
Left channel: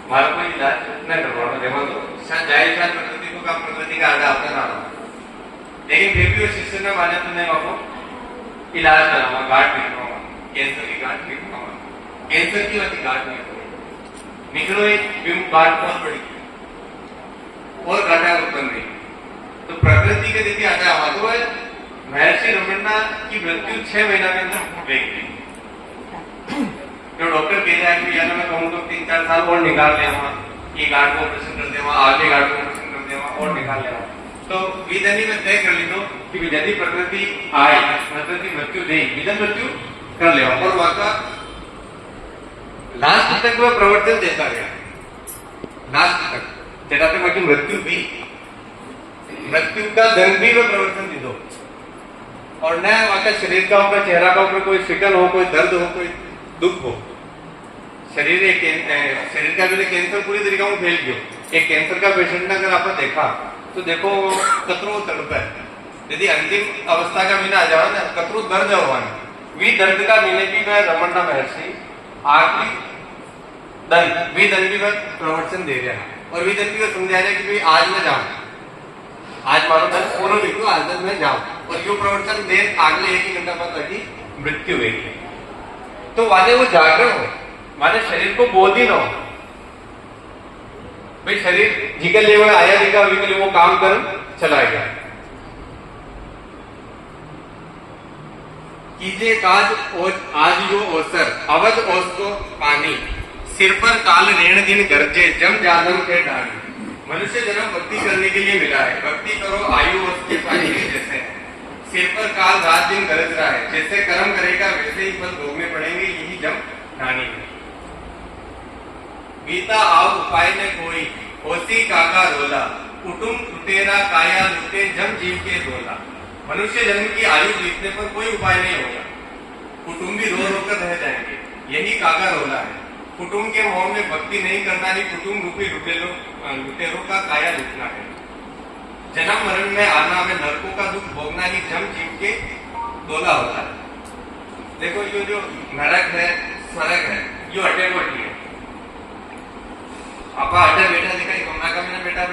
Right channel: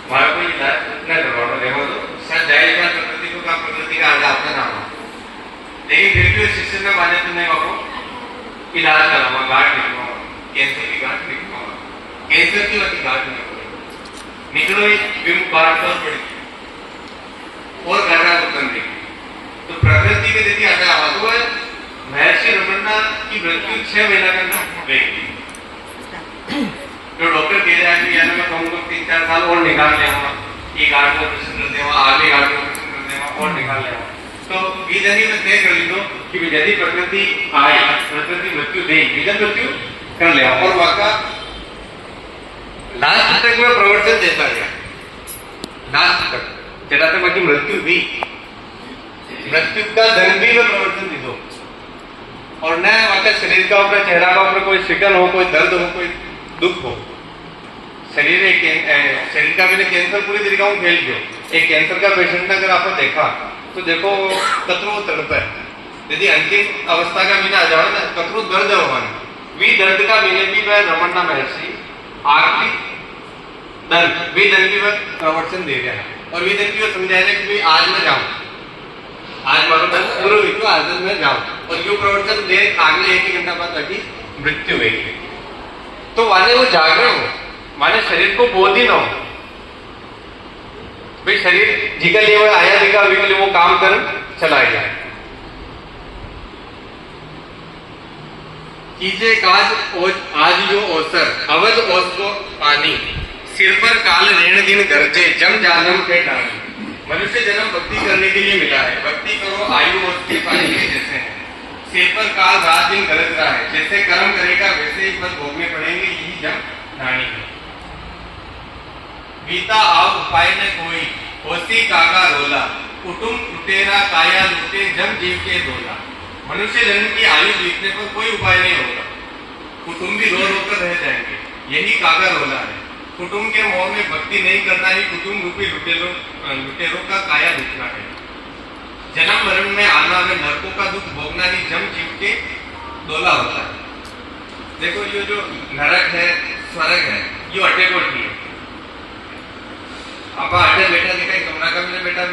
हमारा कोई इलाज न करवाना देखो तो शायद जाए प्रकृति को काम प्रकृति का आगे आपका नाम है लेकिन फिर भी शिष्य ने माने तो नहीं आपको इलाज कराऊंगा गांठ निकलवाऊंगा कैंसर की गांठ निकलवाऊंगा कैंसर की वजह गांठ नहीं निकलो ही विमुख बाढ़ बहुत बड़ी और घटा उत्पन्न थी। तो प्रकृति के देखिए आता तो है महर्षि रमन्ना की मृत्यु 6 महीना के अंदर हो गई। जो डॉक्टर कह रहे हैं कि यार मैं कहूँगा 3-4 साल और निकाल ले, एक गार्ड को ऑपरेशन कर देवा, आगे गार्ड को ऑपरेशन कर देवा और निकाल ले। तो विधि में तय कर ली दो कि यदि प्रकृति आए, प्रकृति मृत्यु दे, विधन मृत्यु कर ले। और वाका लास्ट तक में प्रवर्तन देता गया, लास्ट तक जरा तक बाकी मृत्यु भी, मृत्यु का दंड भी में प्रवर्तन दी दो। और न वाका शरीर का ऊपर, चेहरा का ऊपर कोई शिकन हो, कोई दर्द हो, कोई दुख हो। शरीर का भी कैंसर पूरी तरीका में फैल गयो। एक कैंसर का पेशेंट ने अगर आपने देखा तो देखो कतरो तड़प है, यदि अंतिम अवस्था का मीना आ जाओ ना कतरो दर्द होवान वी दर्द का मीने भी मैं रमन्ना महर्षि आखिरी दंड वी दंड भी मैं प्रवचन दे रहे हैं। और वी दंड भी समझा रहे कि भाई आज मैं जाऊं, आज मारो दंड पूरा विक्रो आज दिन में जाऊं। और यो प्रवचन दे अगले 1 घंटा बाद लगी मृत्यु हुई। तो वाले वो जागरण हो, माने शरीर को बोध ही ना हो भाई शरीर जिकल लिए आया दिखा विकल वो काम कर चला गया। कीजे काज आज यो अवसर अवध ओस को पानी सिर पर काल रेण दिन गरजे जम जालम के डाली। मनुष्य जन्म भक्ति करने के लिए मिला है, भक्ति करो आयु ओस के पानी के जैसे है। सिर पर काल रात दिन गरज रहा है, जैसे कर्म करेगा वैसे ही फल भोगने पड़ेंगे, यही जम डाणी है। बीता आव उपाय ने कोई होसी काका रोला, कुटुंब लुटेरा काया लुटे जम जीव के बोला। मनुष्य जन्म की आयु बीतने पर कोई उपाय नहीं होगा, कुटुंबी रो रो कर रह जाएंगे, यही काका रोला है। कुटुंब के मोह में भक्ति नहीं करना ही कुटुंब रूपी लुटेरों का काया लुटना है। जन्म मरण में आना में नरकों का दुख भोगना ही जम जीव के डोला होता है। देखो ये जो नरक है स्वर्ग है ये अटे कोटी है। आपा अटे बेटा दिखाई गमना का मैंने बेटा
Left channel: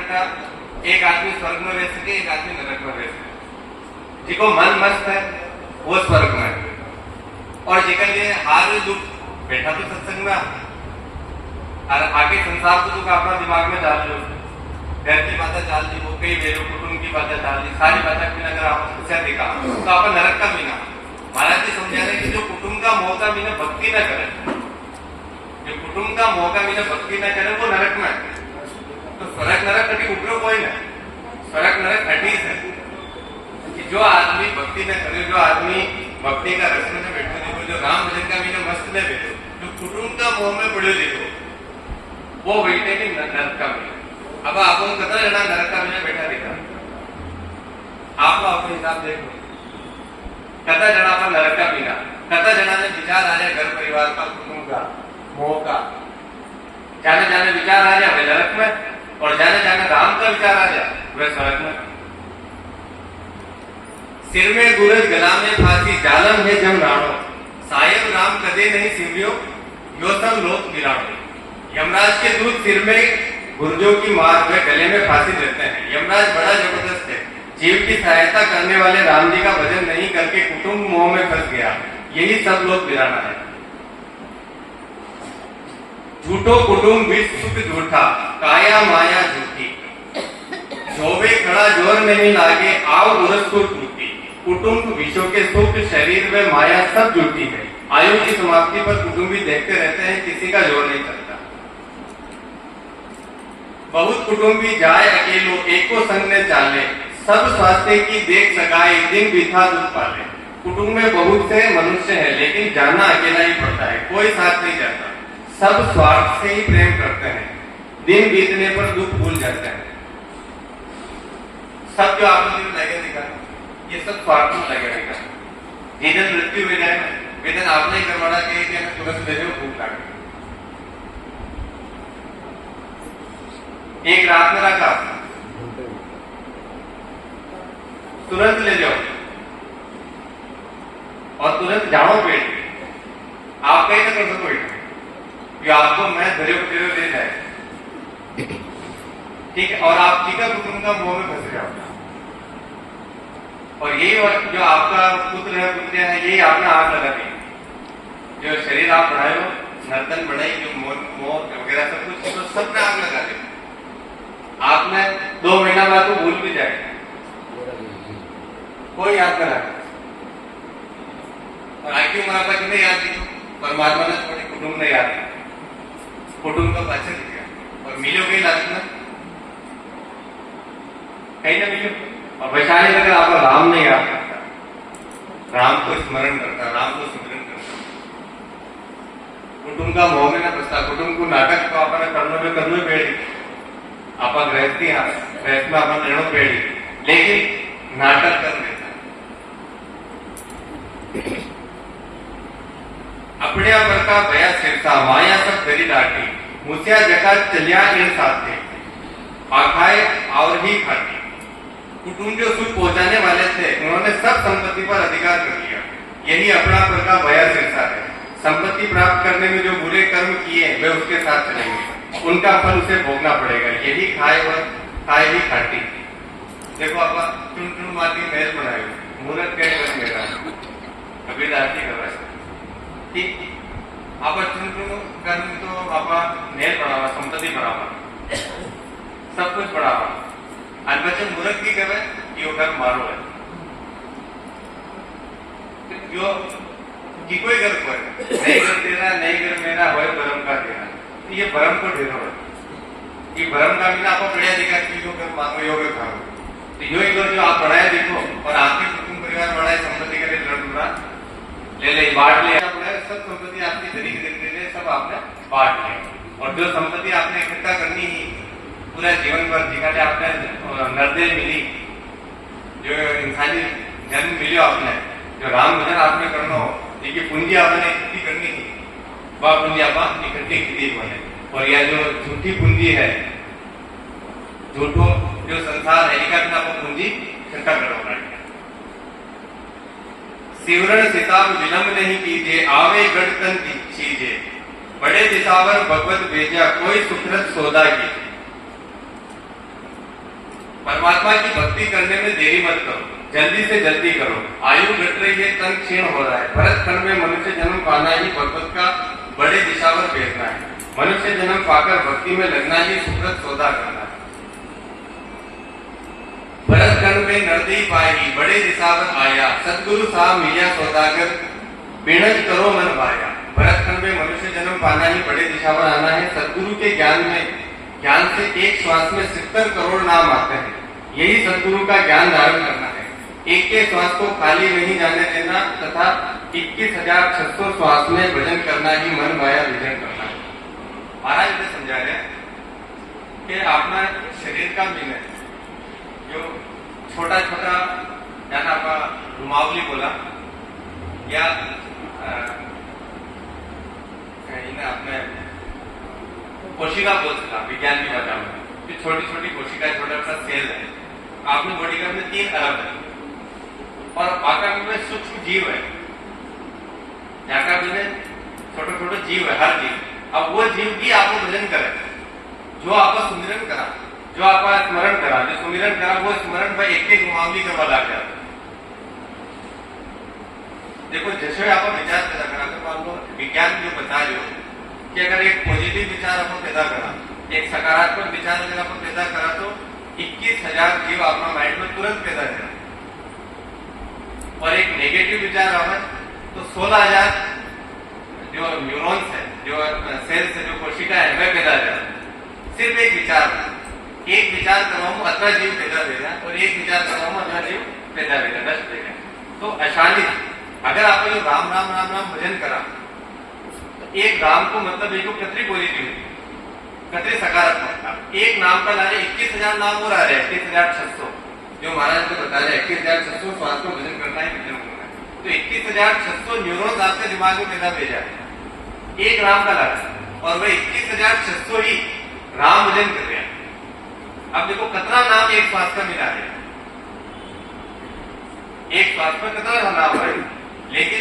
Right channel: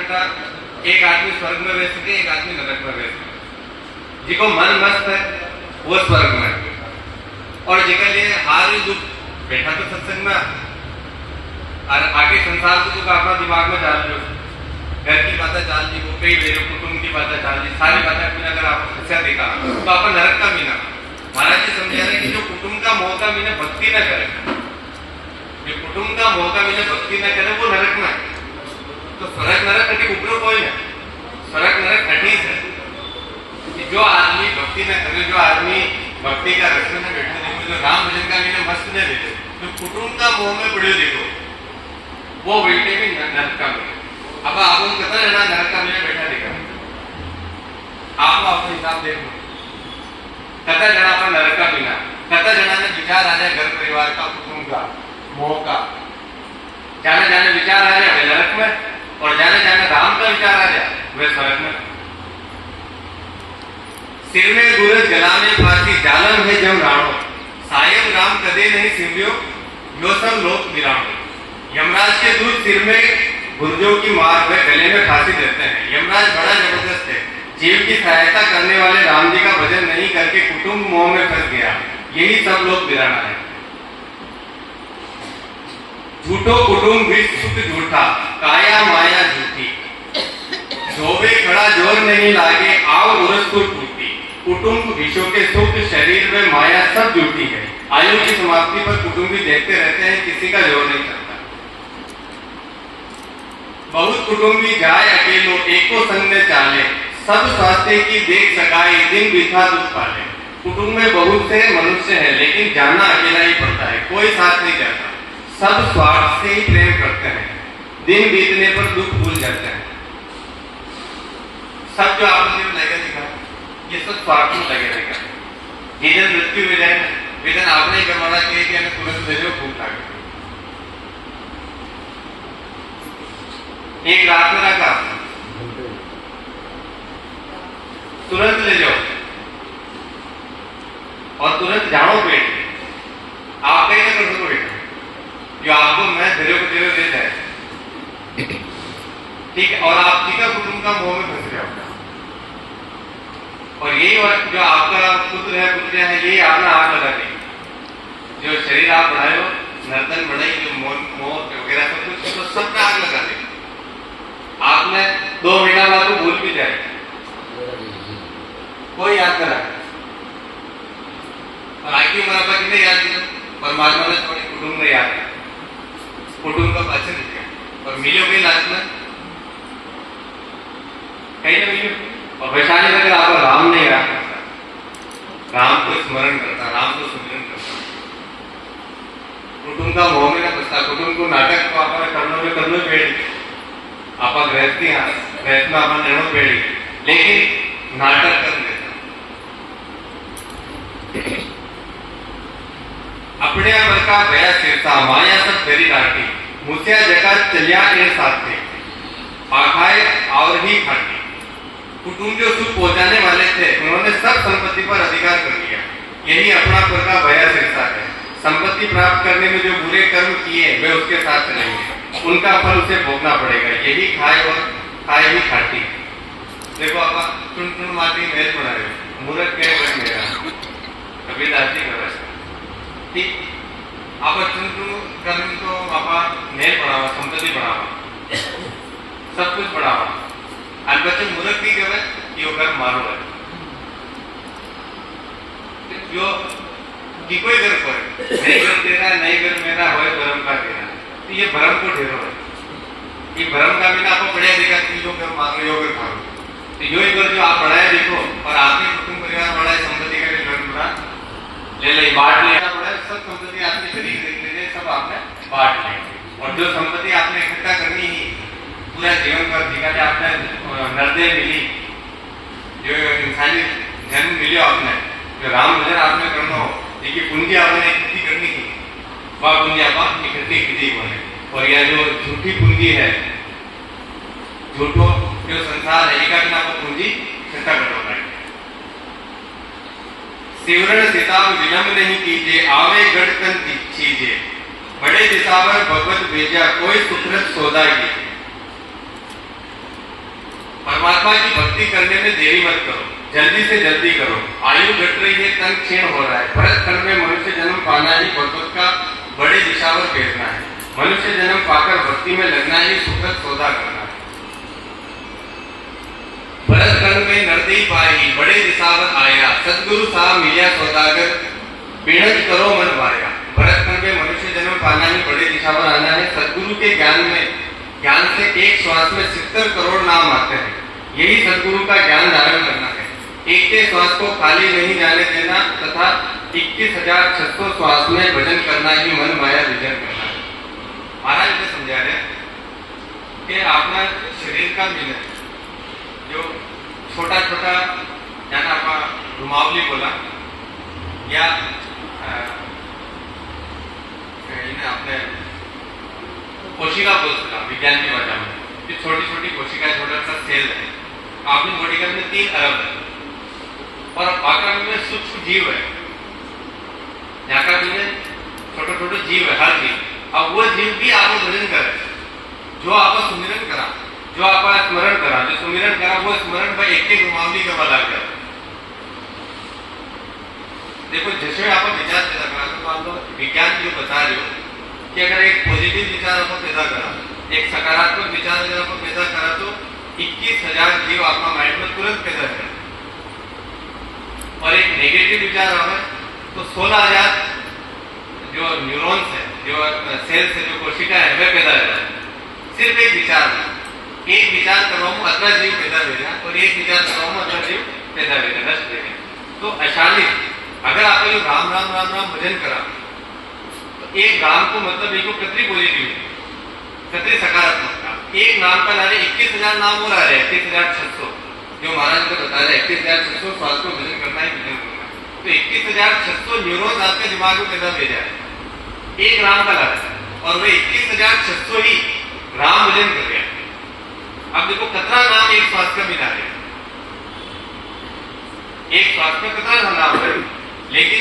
एक आदमी स्वर्ग में बैठ सके, एक आदमी नरक में बैठ सके। जिको मन मस्त है वो स्वर्ग में, और जिका लिए हार दुख बैठा तो सत्संग में और आगे संसार को दुख अपना दिमाग में डाल लो, घर की बातें डाल दी, वो कई वेरो कुटुंब की बातें डाल दी, सारी बातें बिना अगर आपने शिक्षा देखा तो आप नरक का बिना। महाराज जी समझा रहे कि जो कुटुंब का मोह का बिना भक्ति न करे, जो कुटुंब का मोह का बिना भक्ति न करे वो नरक में। तो स्वर्ग नरक कटी ऊपर कोई नहीं, स्वर्ग नरक कटी है। जो आदमी भक्ति न करे, जो आदमी भक्ति का रक्षण में बैठे देखो, जो राम भजन का बिना मस्त न बैठे, जो कुटुंब का मोह में पड़े देखो वो बैठे भी नरक का बिना। अब आपको कथा रहना नरक का बिना बैठा देखा, आपको अपने हिसाब देख लो। कथा जना पर नरक का बिना, कथा जना ने विचार आ जाए घर परिवार का, कुटुंब का, मोह का, जाने जाने विचार आ जाए वे नरक में, और जाने जाने राम का विचार आ जाए वे स्वर्ग में। सिर में गुरज गला में फांसी जालम है जम राणो, सायब राम कदे नहीं सिंधियो यो सब लोक विराम। यमराज के दूत सिर में गुर्जों की मार वे गले में फांसी देते हैं। यमराज बड़ा जबरदस्त है, जीव की सहायता करने वाले राम जी का भजन नहीं करके कुटुंब मोह में फंस गया, यही सब लोग बिराना है। झूठो कुटुंब विष सुख झूठा, काया माया झूठी, जोवे खड़ा जोर नहीं लागे आव उरस को टूटी। कुटुंब विषयों के सुख शरीर में माया सब झूठी है। आयु की समाप्ति पर कुटुंबी देखते रहते हैं, किसी का जोर नहीं चलता। बहुत कुटुंबी जाए अकेलो एको संग में चाले, सब स्वास्थ्य की देख सकाए दिन बिथा दुख पाले। कुटुंब में बहुत से मनुष्य हैं लेकिन जाना अकेला ही पड़ता है, कोई साथ नहीं जाता। सब स्वार्थ से ही प्रेम करते हैं, दिन बीतने पर दुख भूल जाते हैं। सब जो आपने लगे दिखा ये सब स्वार्थ में लगे रहेगा। जिधर मृत्यु मिले वेदन आपने ही करवाना चाहिए कि हमें तुरंत दे दो, भूख लागे। एक रात में रखा तुरंत ले जाओ और तुरंत जाओ पेट, आप कहीं ना कर सको बेटा, जो आपको मैं धैर्य को दे देता है, ठीक है। और आप टीका कुटुंब का मोह में फंस रहे हो, और यही जो आपका पुत्र है पुत्रिया है यही अपना आग लगा देंगे। जो शरीर आप बढ़ाए हो नर्तन बढ़ाई जो मोर वगैरह सब कुछ, तो सब में आग लगा दी। आपने 2 महीना बाद तो भूल भी जाएगा, कोई याद करा। और आखिर मरा कितने याद दिया, परमात्मा ने थोड़ी कुटुंब ने याद किया, कुटुंब का पाचन दिया और मिलो कहीं लास्ट में कहीं ना मिलो। और वैशाली अगर आप राम नहीं याद करता, राम को स्मरण करता, राम को सुमिरन करता, कुटुंब का मोह में ना बसता, कुटुंब को नाटक तो आप करनो पेड़ी, आप गृहस्थी गृहस्थ में आप निर्णय पेड़ी, लेकिन नाटक कर देता अपने अमर का भया सिरता माया सब गरी डाटी, मुसिया जगह चलिया के साथ थे आखाए और ही खाटी। कुटुंब जो सुख पहुंचाने वाले थे उन्होंने सब संपत्ति पर अधिकार कर लिया, यही अपना पर का भया सिरता है। संपत्ति प्राप्त करने में जो बुरे कर्म किए वे उसके साथ चलेंगे, उनका फल उसे भोगना पड़ेगा, यही खाए और खाए ही खाटी। देखो आप चुन चुन माटी महल बनाए, मूर्ख के बन मेरा कभी दाती कर ठीक। आप चुन चुन कर्म तो आप महल बढ़ावा, संपत्ति बढ़ावा, सब कुछ बढ़ावा, अनबचन मूर्ख भी कहे कि वो कर्म मारो है जो कि कोई घर पर नहीं घर तेरा नहीं घर मेरा हो भरम का तेरा, तो ये भरम को ढेरो है। ये भरम का बिना आपको बढ़िया देखा कि यो कर्म मांगो यो कर खाओ, तो यो घर जो आप बढ़ाए देखो और आपके कुटुंब परिवार बढ़ाए, संपत्ति का भी लड़ पूरा ले ले बांट लिया, सब संपत्ति आपकी तरीके देख लीजिए, सब आपने बांट ली। और जो संपत्ति आपने इकट्ठा करनी ही पूरा जीवन पर जीवन आपने नर्दे मिली, जो इंसानी जन्म मिले आपने, जो राम भजन आपने करना हो, देखिए पूंजी आपने इकट्ठी करनी थी, वह पूंजी आप इकट्ठी की बने। और यह जो झूठी पूंजी है, झूठो जो संसार है, इसका बिना आप पूंजी इकट्ठा करोगे। सिवरण सिताब विलंब नहीं कीजिए, आवे गढ़ चीजे, बड़े दिशावर भगवत भेजा, कोई सुकृत सौदा की। परमात्मा की भक्ति करने में देरी मत करो, जल्दी से जल्दी करो, आयु घट रही है, तन क्षीण हो रहा है। भरत खंड में मनुष्य जन्म पाना ही भगवत का बड़े दिशावर भेजना है, मनुष्य जन्म पाकर भक्ति में लगना ही सुकृत सौदा करना है। भरत खंड में नरदी पाई, बड़े दिशावर आया, सदगुरु साहब मिलिया सौदागर, बिणज करो मन भाया। भरत खंड में मनुष्य जन्म पाना ही बड़े दिशावर आना है, सदगुरु के ज्ञान से एक श्वास में 70 करोड़ नाम आते हैं, यही सदगुरु का ज्ञान धारण करना है। एक के श्वास को खाली नहीं जाने देना तथा 21,600 श्वास में भजन करना ही मन माया विजय करना है। महाराज ने समझा रहे कि अपना शरीर का मिलन जो छोटा छोटा जाना आप घुमावली बोला या आपने कोशिका बोल सकता विज्ञान की भाषा में, कि छोटी छोटी कोशिका छोटा सा सेल है, आपने बॉडी का में 3 अरब है और आकार में सूक्ष्म जीव है, में छोटे छोटे जीव है, हर जीव। अब वो जीव भी आपको भजन करे, जो आपका सुमिरन करा, जो आपका स्मरण करा, जो सुमिरन करा, वो स्मरण भाई एक एक घुमावली के बल आ गया। देखो जैसे आप विचार पैदा करा, तो आप लोग विज्ञान जो बता रहे हो कि अगर एक पॉजिटिव विचार आपको पैदा करा, एक सकारात्मक विचार अगर आपको पैदा करा, तो 21,000 जीव आपका माइंड में तुरंत पैदा करें, और एक नेगेटिव विचार आवे तो 16,000 जो न्यूरॉन्स है, जो सेल्स है, जो कोशिका है, वह पैदा हो जाए। सिर्फ एक विचार करवाऊं अतना जीव पैदा हो जाए, और एक विचार करवाऊं अतना जीव पैदा हो जाए, नष्ट हो जाए। तो अशाली अगर आप ये राम राम राम राम भजन करा, तो एक राम को मतलब एक कतरी पॉजिटिविटी, कतरी सकारात्मकता। एक नाम का नारे 21,000 नाम और आ रहे हैं, 21,600 जो महाराज को बता रहे हैं, 21,600 श्वास को भजन करना है, भजन करना है। तो 21,600 न्यूरॉन्स आपके दिमाग में पैदा हो जाए एक राम का नारा, और वह 21,600 ही राम भजन कर रहे हैं। अब देखो कितना नाम एक श्वास का मिला रहे, एक श्वास में कितना नाम है, लेकिन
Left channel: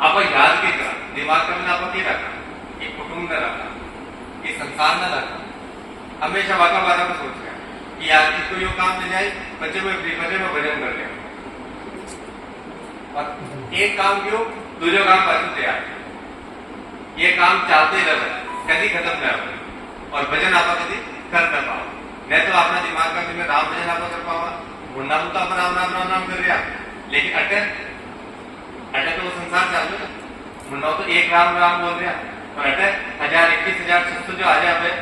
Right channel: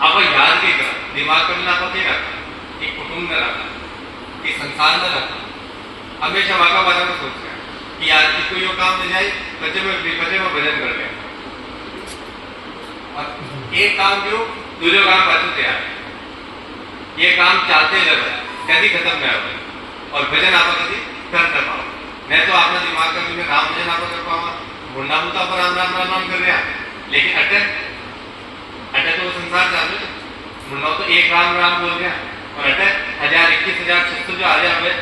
आप याद के करा, दिमाग का मिला आप क्या रखा, एक कुटुंब में रखा, एक संसार में रखा, हमेशा वाका वाला में सोच रहे कि यार इसको यो काम मिल जाए, बच्चे में भजन कर गया, और एक काम क्यों दूसरे काम पास तैयार। ये काम चालते रहे कभी खत्म ना हो और भजन आप कभी कर ना पाओ नहीं तो अपना दिमाग का भी राम भजन आप कर पाओ मुंडा मुता पर राम राम राम राम कर रहा लेकिन अटक अटक तो वो संसार चालू है मुंडा तो एक राम राम बोल रहा और अटक 1000 21,600 जो आ जाए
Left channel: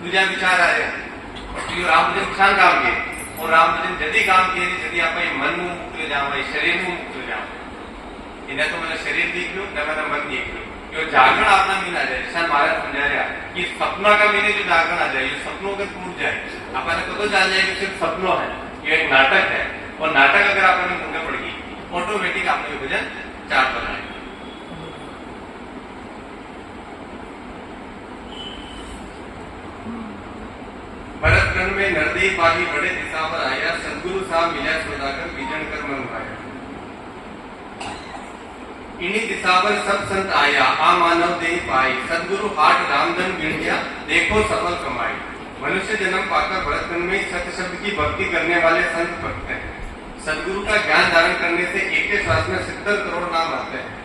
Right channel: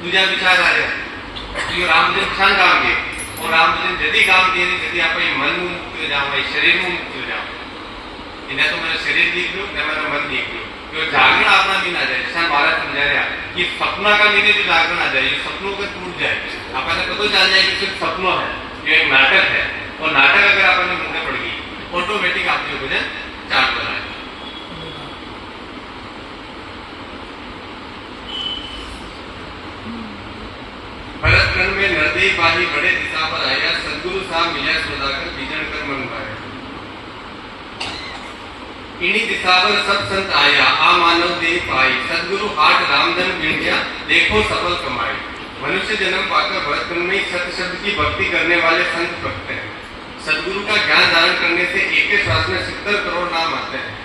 दूजा विचार आ जाए तो राम भजन छान काम के और राम भजन जदी काम के जदी आप मन में मुक्त हो जाओ शरीर में मुक्त हो जाओ इन्हें तो मेरा शरीर देख लो न मेरा मन देख लो जो जागरण आपना मीन आ जाए जैसा महाराज समझा रहा कि सपना का मीने जो जागरण आ जाए ये सपनों का टूट जाए आपने पता चल जाए कि सिर्फ सपनों है ये एक नाटक है और नाटक अगर आपने मुंडा पड़ गई ऑटोमेटिक आपके भजन चाल बना है भरत रण में नरदेव पाही बड़े दिशा पर आया सदगुरु साहब मिला सुधाकर बीजन कर मन पाया इन्हीं दिशा पर सब संत आया आ मानव देह पाई सदगुरु हाट रामधन गिन गया देखो सफल कमाई मनुष्य जन्म पाकर भरत रण में सत्य शब्द की भक्ति करने वाले संत भक्त हैं सदगुरु का ज्ञान धारण करने से एक श्वास में 70 करोड़ नाम आते हैं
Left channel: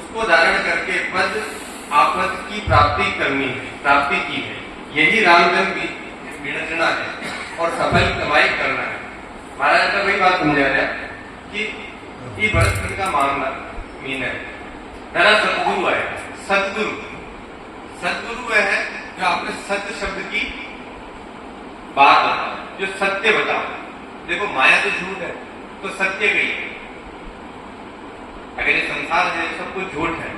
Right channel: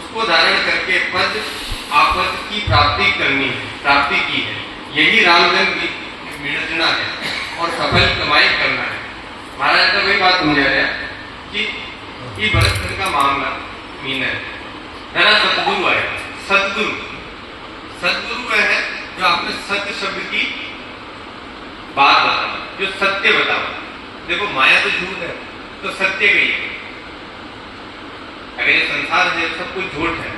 उसको धारण करके पद आपद की प्राप्ति करनी है प्राप्ति की है यही रामधन मिलना है और सफल कमाई करना है महाराज तो वही बात समझा रहा कि ये भरत रण का मामला मीन है मेरा सतगुरु है सतगुरु सतगुरु वह है जो आपने सत्य शब्द की बात बताओ जो सत्य बताओ देखो माया तो झूठ है तो सत्य कही है अगर ये संसार है सब कुछ झूठ है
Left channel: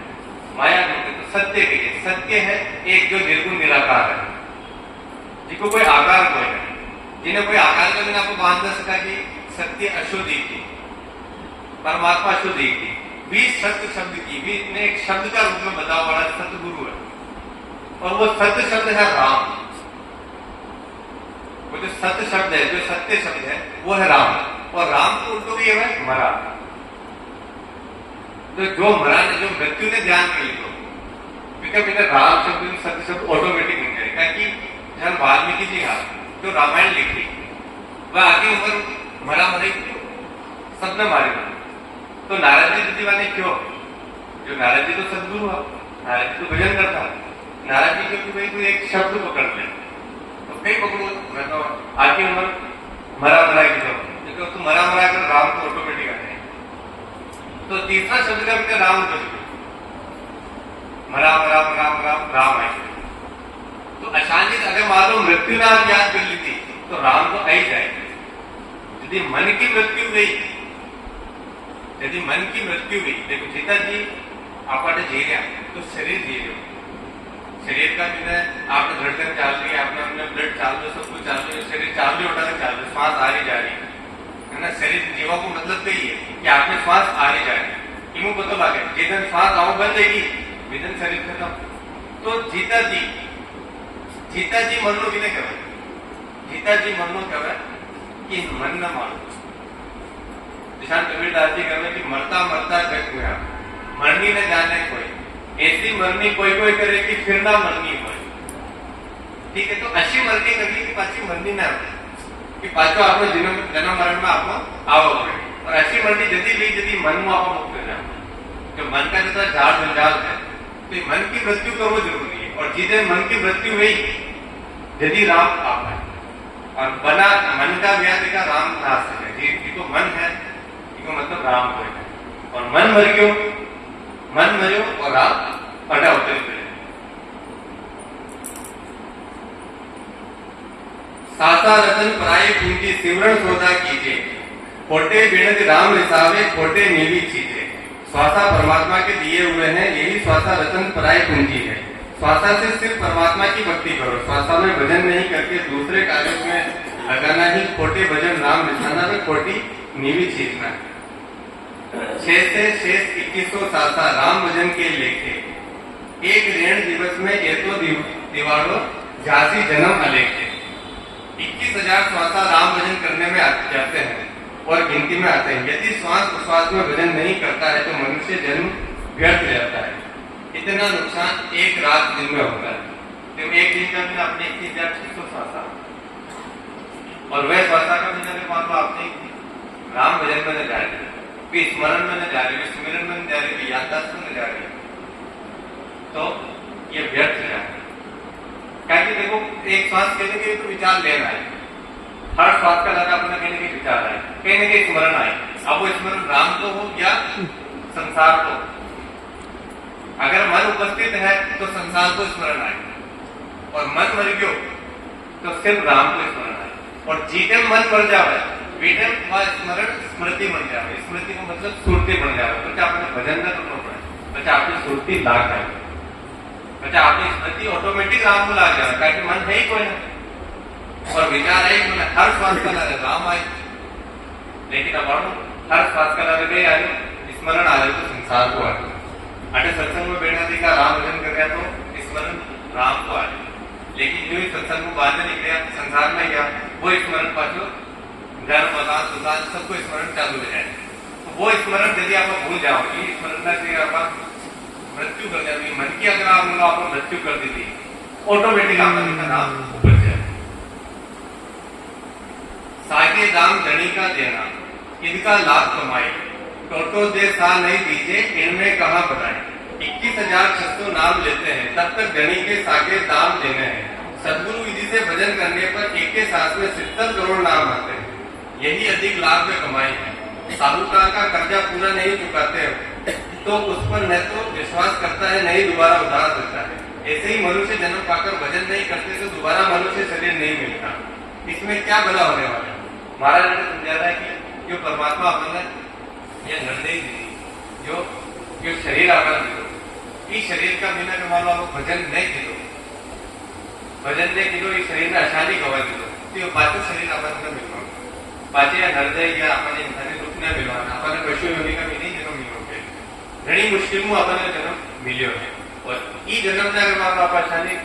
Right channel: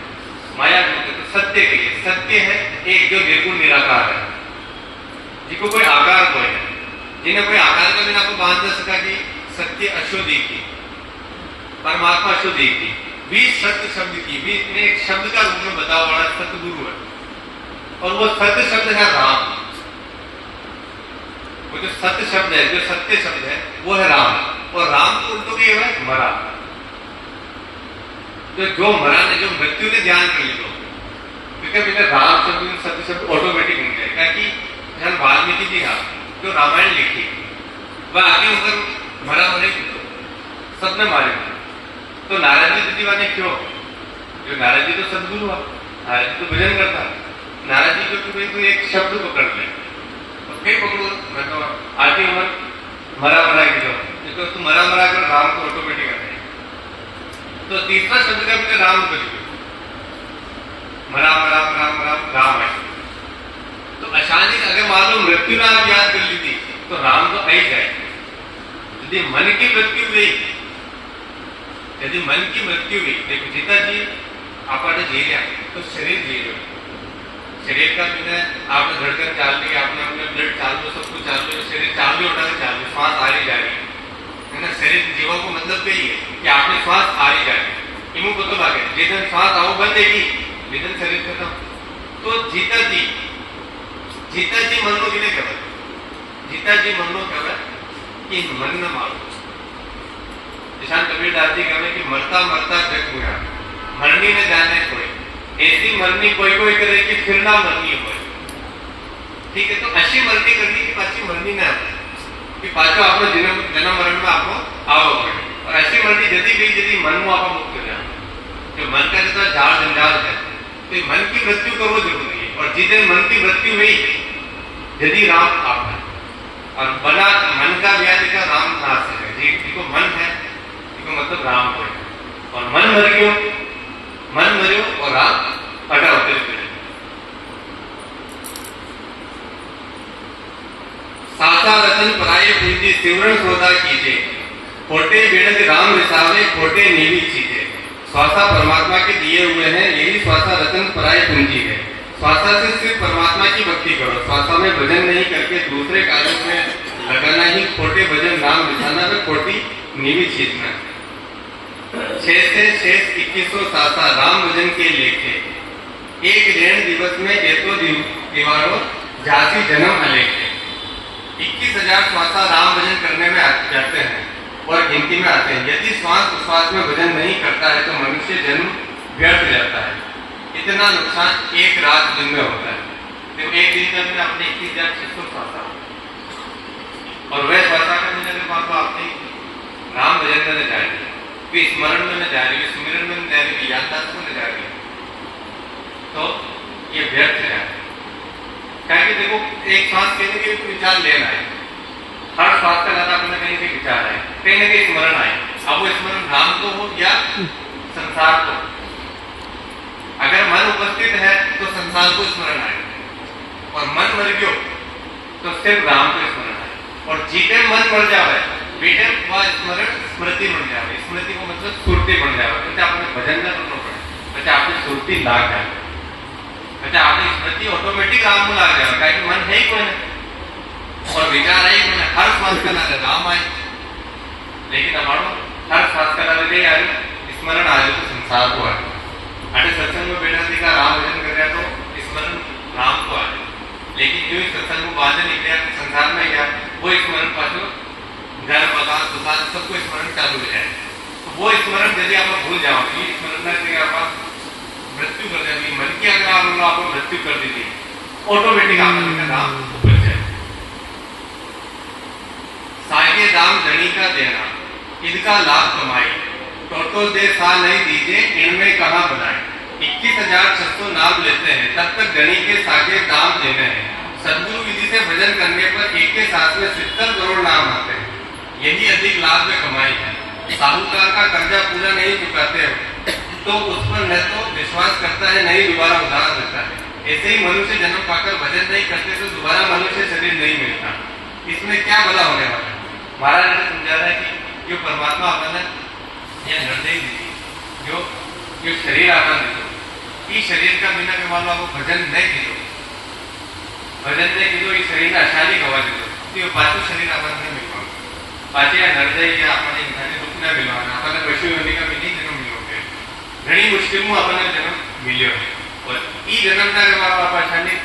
माया झूठ है तो सत्य कही है सत्य है एक जो निर्गुण निराकार है जिसको कोई आकार कोई है जिन्हें कोई आकार को आपको बांध न सका कि सत्य अशुद्धि थी परमात्मा अशुद्धि थी भी सत्य शब्द की भी ने एक शब्द का रूप में बताओ बड़ा सतगुरु है और वो सत्य शब्द है राम वो जो सत्य शब्द है जो सत्य शब्द है वो है राम और राम को उल्टो भी है मरा तो जो मरा ने जो मृत्यु ने ध्यान कर लो क्योंकि राम शब्द सत्य शब्द ऑटोमेटिक मिल जाए क्योंकि हम वाल्मीकि जी हाँ जो रामायण लिखी वह आगे ऊपर मरा मरे सबने मारे तो नारद जी दीवाने क्यों जो नारद जी तो सदगुरु है नारद जी तो भजन करता नारद जी को भाई तू एक शब्द पकड़ ले तो कहीं पकड़ो मैं तो आगे उम्र मरा मरा की तो तू मरा मरा कर राम को ऑटोमेटिक आता है तो तीसरा शब्द का भी राम कर मरा मरा राम राम राम है तो अचानक अगर मान लो मृत्यु नाम याद कर ली थी तो राम तो आई जाए यदि मन की मृत्यु हुई यदि मन की मृत्यु हुई देखो जीता जी आपने जी गया तो शरीर जी लो शरीर का जो है आपने धड़कन चाल रही है आपने अपने ब्लड चाल लो सब कुछ चाल लो शरीर चाल रही उठा के चाल लो श्वास आ रही जा रही है ना शरीर जीवा को मतलब तो ही है कि आपने श्वास आ रही जा रही इमू को तो लागे जिधन श्वास आओ बंदेगी जिधन शरीर खत्म तो जीता जी मन नो किने कहवाय जीता जी मन नो कहवाय कि मन न मानो निशान कबीरदास जी कहते कि मरता मरता जग गया मरनी न जाने कोई ऐसी मरनी कोई कोई करे कि फिर ना मरनी हो ठीक है तो अच्छी मरनी करनी कि पाची मरनी ना कि पाचो आपको जन्म मरण में आपको आओ और अच्छी मरनी जदी गई जदी मन में आपको मुक्त हो जाए जो मन का जो झाड़ जंजाल है तो मन की मृत्यु करना जरूरी है और जिस दिन मन की मृत्यु हुई यदि राम आप है और बना मन का व्याधि का राम नाश है जिसको मन है इसको मतलब राम को है और मन मर गयो मन मरियो और राम पटा होते सासा रतन पराये पूंजी सिमरन सौदा कीजिए खोटे बिनती राम विसावे खोटे नीवी चीजे स्वासा परमात्मा के दिए हुए हैं यही स्वासा रतन पराये पूंजी है स्वासा से सिर्फ परमात्मा की भक्ति करो स्वासा में भजन नहीं करके दूसरे कार्यों में लगाना ही खोटे भजन नाम बिछाना में खोटी नीवी चीजना शेष से शेष 2100 सासा राम भजन के लेखे एक ऋण दिवस में ये तो दीवारों झांसी जन्म अलेखे 21,000 श्वासा राम भजन करने में जाते हैं और गिनती में आते हैं यदि श्वास उश्वास में भजन नहीं करता है तो मनुष्य जन्म व्यर्थ जाता है इतना नुकसान एक रात दिन में होता है तो एक दिन का दिन अपने 21,600 श्वासा और वह श्वासा का दिन अगर आपने राम भजन में न जाएंगे स्मरण में न जा रही सुमिरन में न जा रही याददाश्त में न जा रही तो ये व्यर्थ है। क्या कि देखो एक श्वास कहने के विचार लेना है, हर श्वास का लगा अपना कहने के विचार है, कहीं ना कहीं स्मरण आए। अब वो स्मरण राम को हो या संसार को। अगर मन उपस्थित है तो संसार को स्मरण आए, और मन मर गयो तो सिर्फ राम को स्मरण आए। और जीते मन मर जावे बेटे वह स्मरण स्मृति बन जावे। स्मृति को मतलब सुरती बन जावे। बच्चा आपने भजन न करना पड़े, बच्चा आपने सुरती लाग जाए, बच्चा आपने स्मृति ऑटोमेटिक राम को लाग जाए। क्या कि मन है ही कोई नहीं, और विचार है ही मैंने हर श्वास का लगे राम आए। लेकिन हमारा हर श्वास का लगे आए स्मरण आ जाए तो संसार को आए। अटे सत्संग में बैठा थी का राम भजन कर रहा तो स्मरण राम को आए। लेकिन जो सत्संग को बाहर निकले संसार में गया वो स्मरण पाछो घर पदार्थ सुधार सबको स्मरण चालू हो जाए। तो वो स्मरण यदि आप भूल जाओ कि स्मरण ना करेगा आप मृत्यु कर जाएगी। मन की अगर आपको मृत्यु कर दी थी ऑटोमेटिक आपका नाम उपज जाए। सागे दाम धनी का देना इनका लाभ कमाई, तो दे सा नहीं दीजिए इनमें कहां बनाए। 21,600 नाम लेते हैं तब तक धनी के सागे दाम देने हैं। सदगुरु विधि से भजन करने पर एक के साथ में 70 करोड़ नाम आते हैं। यही अधिक लाभ में कमाई है। साहूकार का कर्जा पूरा नहीं चुकाते तो उस पर न तो विश्वास करता है नहीं दोबारा उधार देता है। ऐसे ही मनुष्य जन्म पाकर भजन नहीं करते तो दोबारा मनुष्य शरीर नहीं मिलता। इसमें क्या भला होने वाला है। महाराज ने समझा रहा है कि जो परमात्मा अपना यह निर्देश दी जो शरीर आपने दिलो, इस शरीर का बिना के मान लो भजन नहीं दिलो, भजन नहीं दिलो, इस शरीर ने अशाली गवा दिलो तो पाछो शरीर आपने मिलवा पाचे हृदय या अपने इंसानी दुख न मिलवाना अपने पशु योनि का भी जन्म मिलो है। घनी मुश्किल में अपने जन्म मिलो है और ई जन्म ना करवा आप अशाली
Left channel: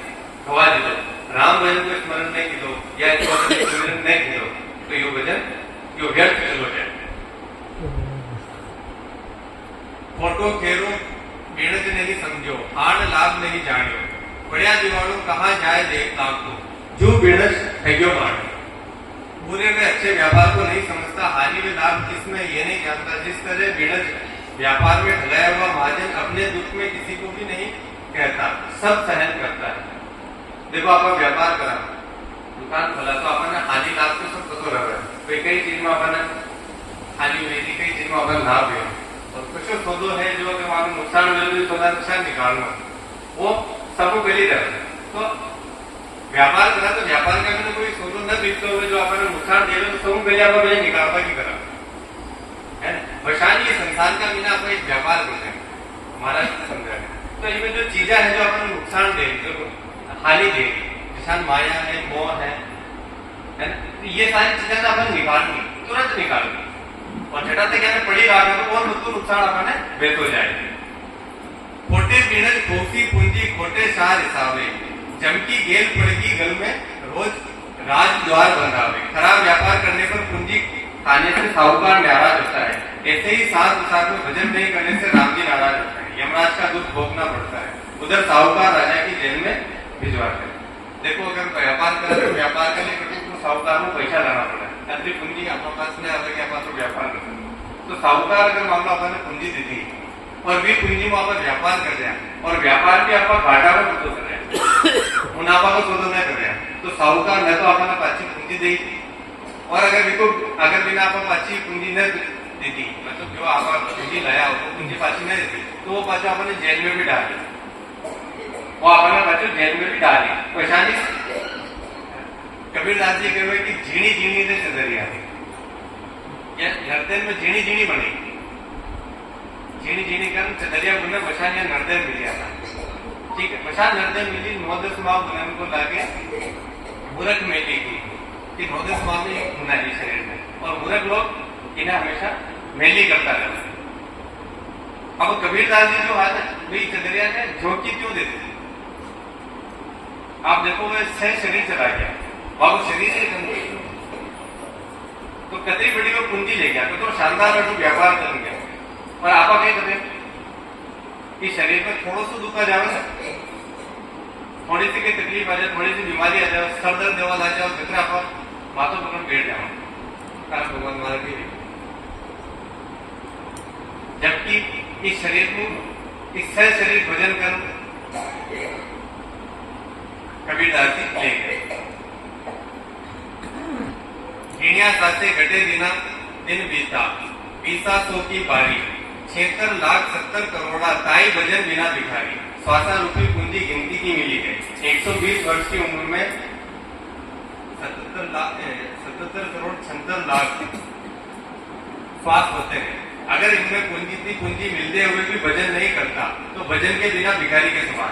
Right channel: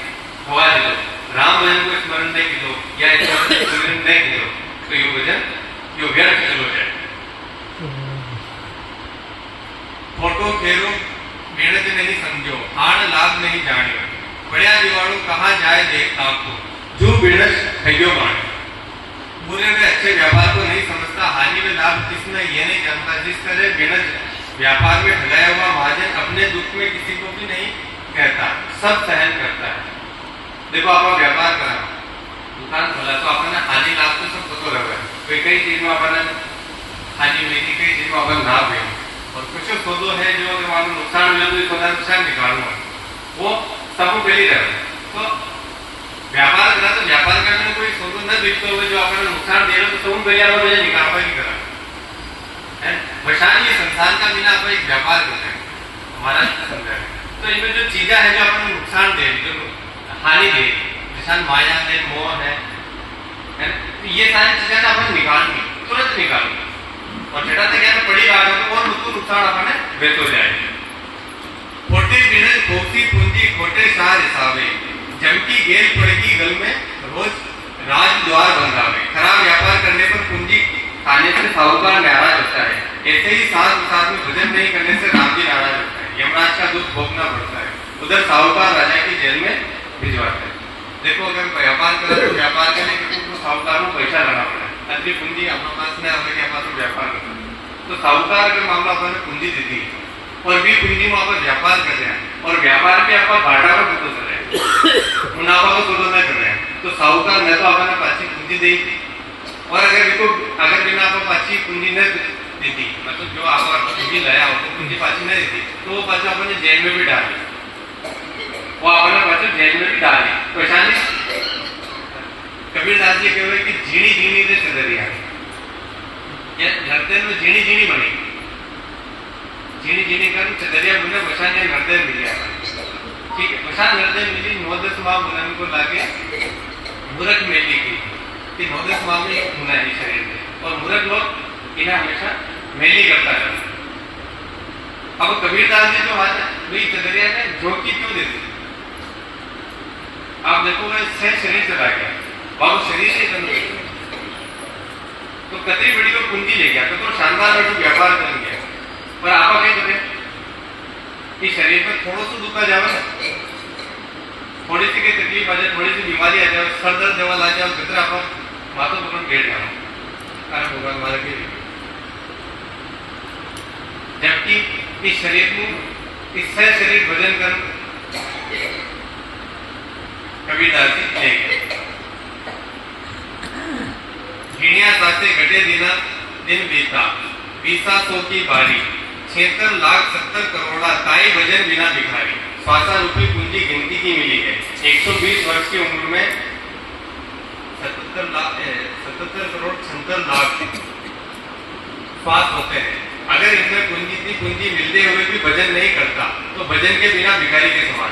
गवा दिलो। राम भजन को स्मरण नहीं किलो या स्मरण नहीं किलो तो यो भजन यो व्यर्थ चलो जाए। फोटो फेरो मेहनत नहीं समझो आड़ लाभ नहीं जानियो। बढ़िया दिवाड़ो कहाँ जाए देख लाखो जो बेड़स थैयो माने। बुरे में अच्छे व्यापार को नहीं समझता, हानि में लाभ जिसने ये नहीं जानता। जिस तरह बेड़स व्यापार में ठगाया हुआ महाजन अपने दुख में किसी को भी नहीं कहता, सब सहन करता है। देखो आप व्यापार करा दुकान खोला तो अपने हानि लाभ तो सब पता रहे। कई चीज में अपने हानि हुई थी, कई चीज में अपन लाभ हुए और कुछ सौदो है जो अगर वहां नुकसान हुए तो थोड़ा नुकसान निकालना वो सबको पहले रहे। तो व्यापार करा तो व्यापार करने में कोई सौदो न दिखते हुए जो अपने नुकसान दे रहे तो सब पहले आप मुझे निकाल पाएगी करा है। परेशान ये संसार का बिना आप एक व्यापार करते हैं हमारा समझा है। तो इनमें जो चीजें है जो अपने नुकसान दे रही जो हानि दे रही जैसा माया है मोह है तो ये सारी चीजें ना अपन निकालनी तुरंत निकालनी और जटा से क्या पड़ी रहा है तो और नुकसान अपने बेत हो जाएगा। खोटे बिरज खोसी पूंजी खोटे सार हिसाबे जमकी गेल पड़गी गल में रोज राज द्वार बंधावे। खराब व्यापार करने पर पूंजी खाने से साहूकार नाराज होता है। ऐसे ही साथ में भजन नहीं करने से राम जी नाराज होता है। यमराज का दुख भोगना पड़ता है। उधर साहूकार राजा की जेल में भिजवाते हैं। देखो अगर व्यापार करें तो व्यापार करने के तो साहूकार को पैसा लाना पड़ा है। अति पूंजी अपने पास में अपने पास व्यापार करते हैं तो साहूकार अगर मामला अपने पूंजी देती है और भी पूंजी में आप व्यापार कर रहे हैं और व्यापार भी आपका घाटा का बिल्कुल कर रहे हैं मुनाफा को सोचो नहीं कर रहे हैं तो साहूकार न तो अपने अच्छी पूंजी दी थी और अगर देखो अगर बिना आप अच्छी पूंजी न देती मतलब जो आप पूंजी लाया उसको पूंजी पाची नहीं देती तो वो पाचा अपने जेल में भी डाल वो अपने बच्चे जेल में भी डाले। परेशानी कबीरदास जी कहे कि झीणी झीणी ने चदरिया ये नर्तन में झीणी झीणी बनी झीणी झीणी कर चदरिया बुने बसान या नर्तन मिल गया ठीक है। बसान नर्तन मिली 9-10 माह बुनाने को लागे मूर्ख मेली की कि 9-10 माह में बुना है शरीर में और मूर्ख लोग इन्हें हमेशा मेली करता है। अब कबीरदास जी जो बात है वही चदरिया ने झोंकी क्यों देती आप देखो वह सह शरीर चला गया बाबू शरीर से तो कतरी बड़ी को पूंजी ले गया तो शानदार व्यापार कर गया और आप क्या करें कि शरीर में थोड़ा सा दुखा जावे ना थोड़ी सी कोई तकलीफ आ जाए थोड़ी सी बीमारी आ जाए सर दर्द जवा ला जाए फिर आप माथो पकड़ बैठ जाओ कारण भगवान मारे के जबकि इस शरीर को इस सह शरीर भजन कर कबीरदास जी ले गए। गिणिया साथे घटे दिना दिन बीता, 20 की बारी, 76,70 करोड़ा ताई भजन बिना भिखारी। श्वासा रूपी पूंजी गिनती की मिली है। 120 वर्ष की उम्र में 77 करोड़ 76 लाख श्वास होते हैं। अगर इनमें पूंजी मिलते हुए भी भजन नहीं करता तो भजन के बिना भिखारी के समान।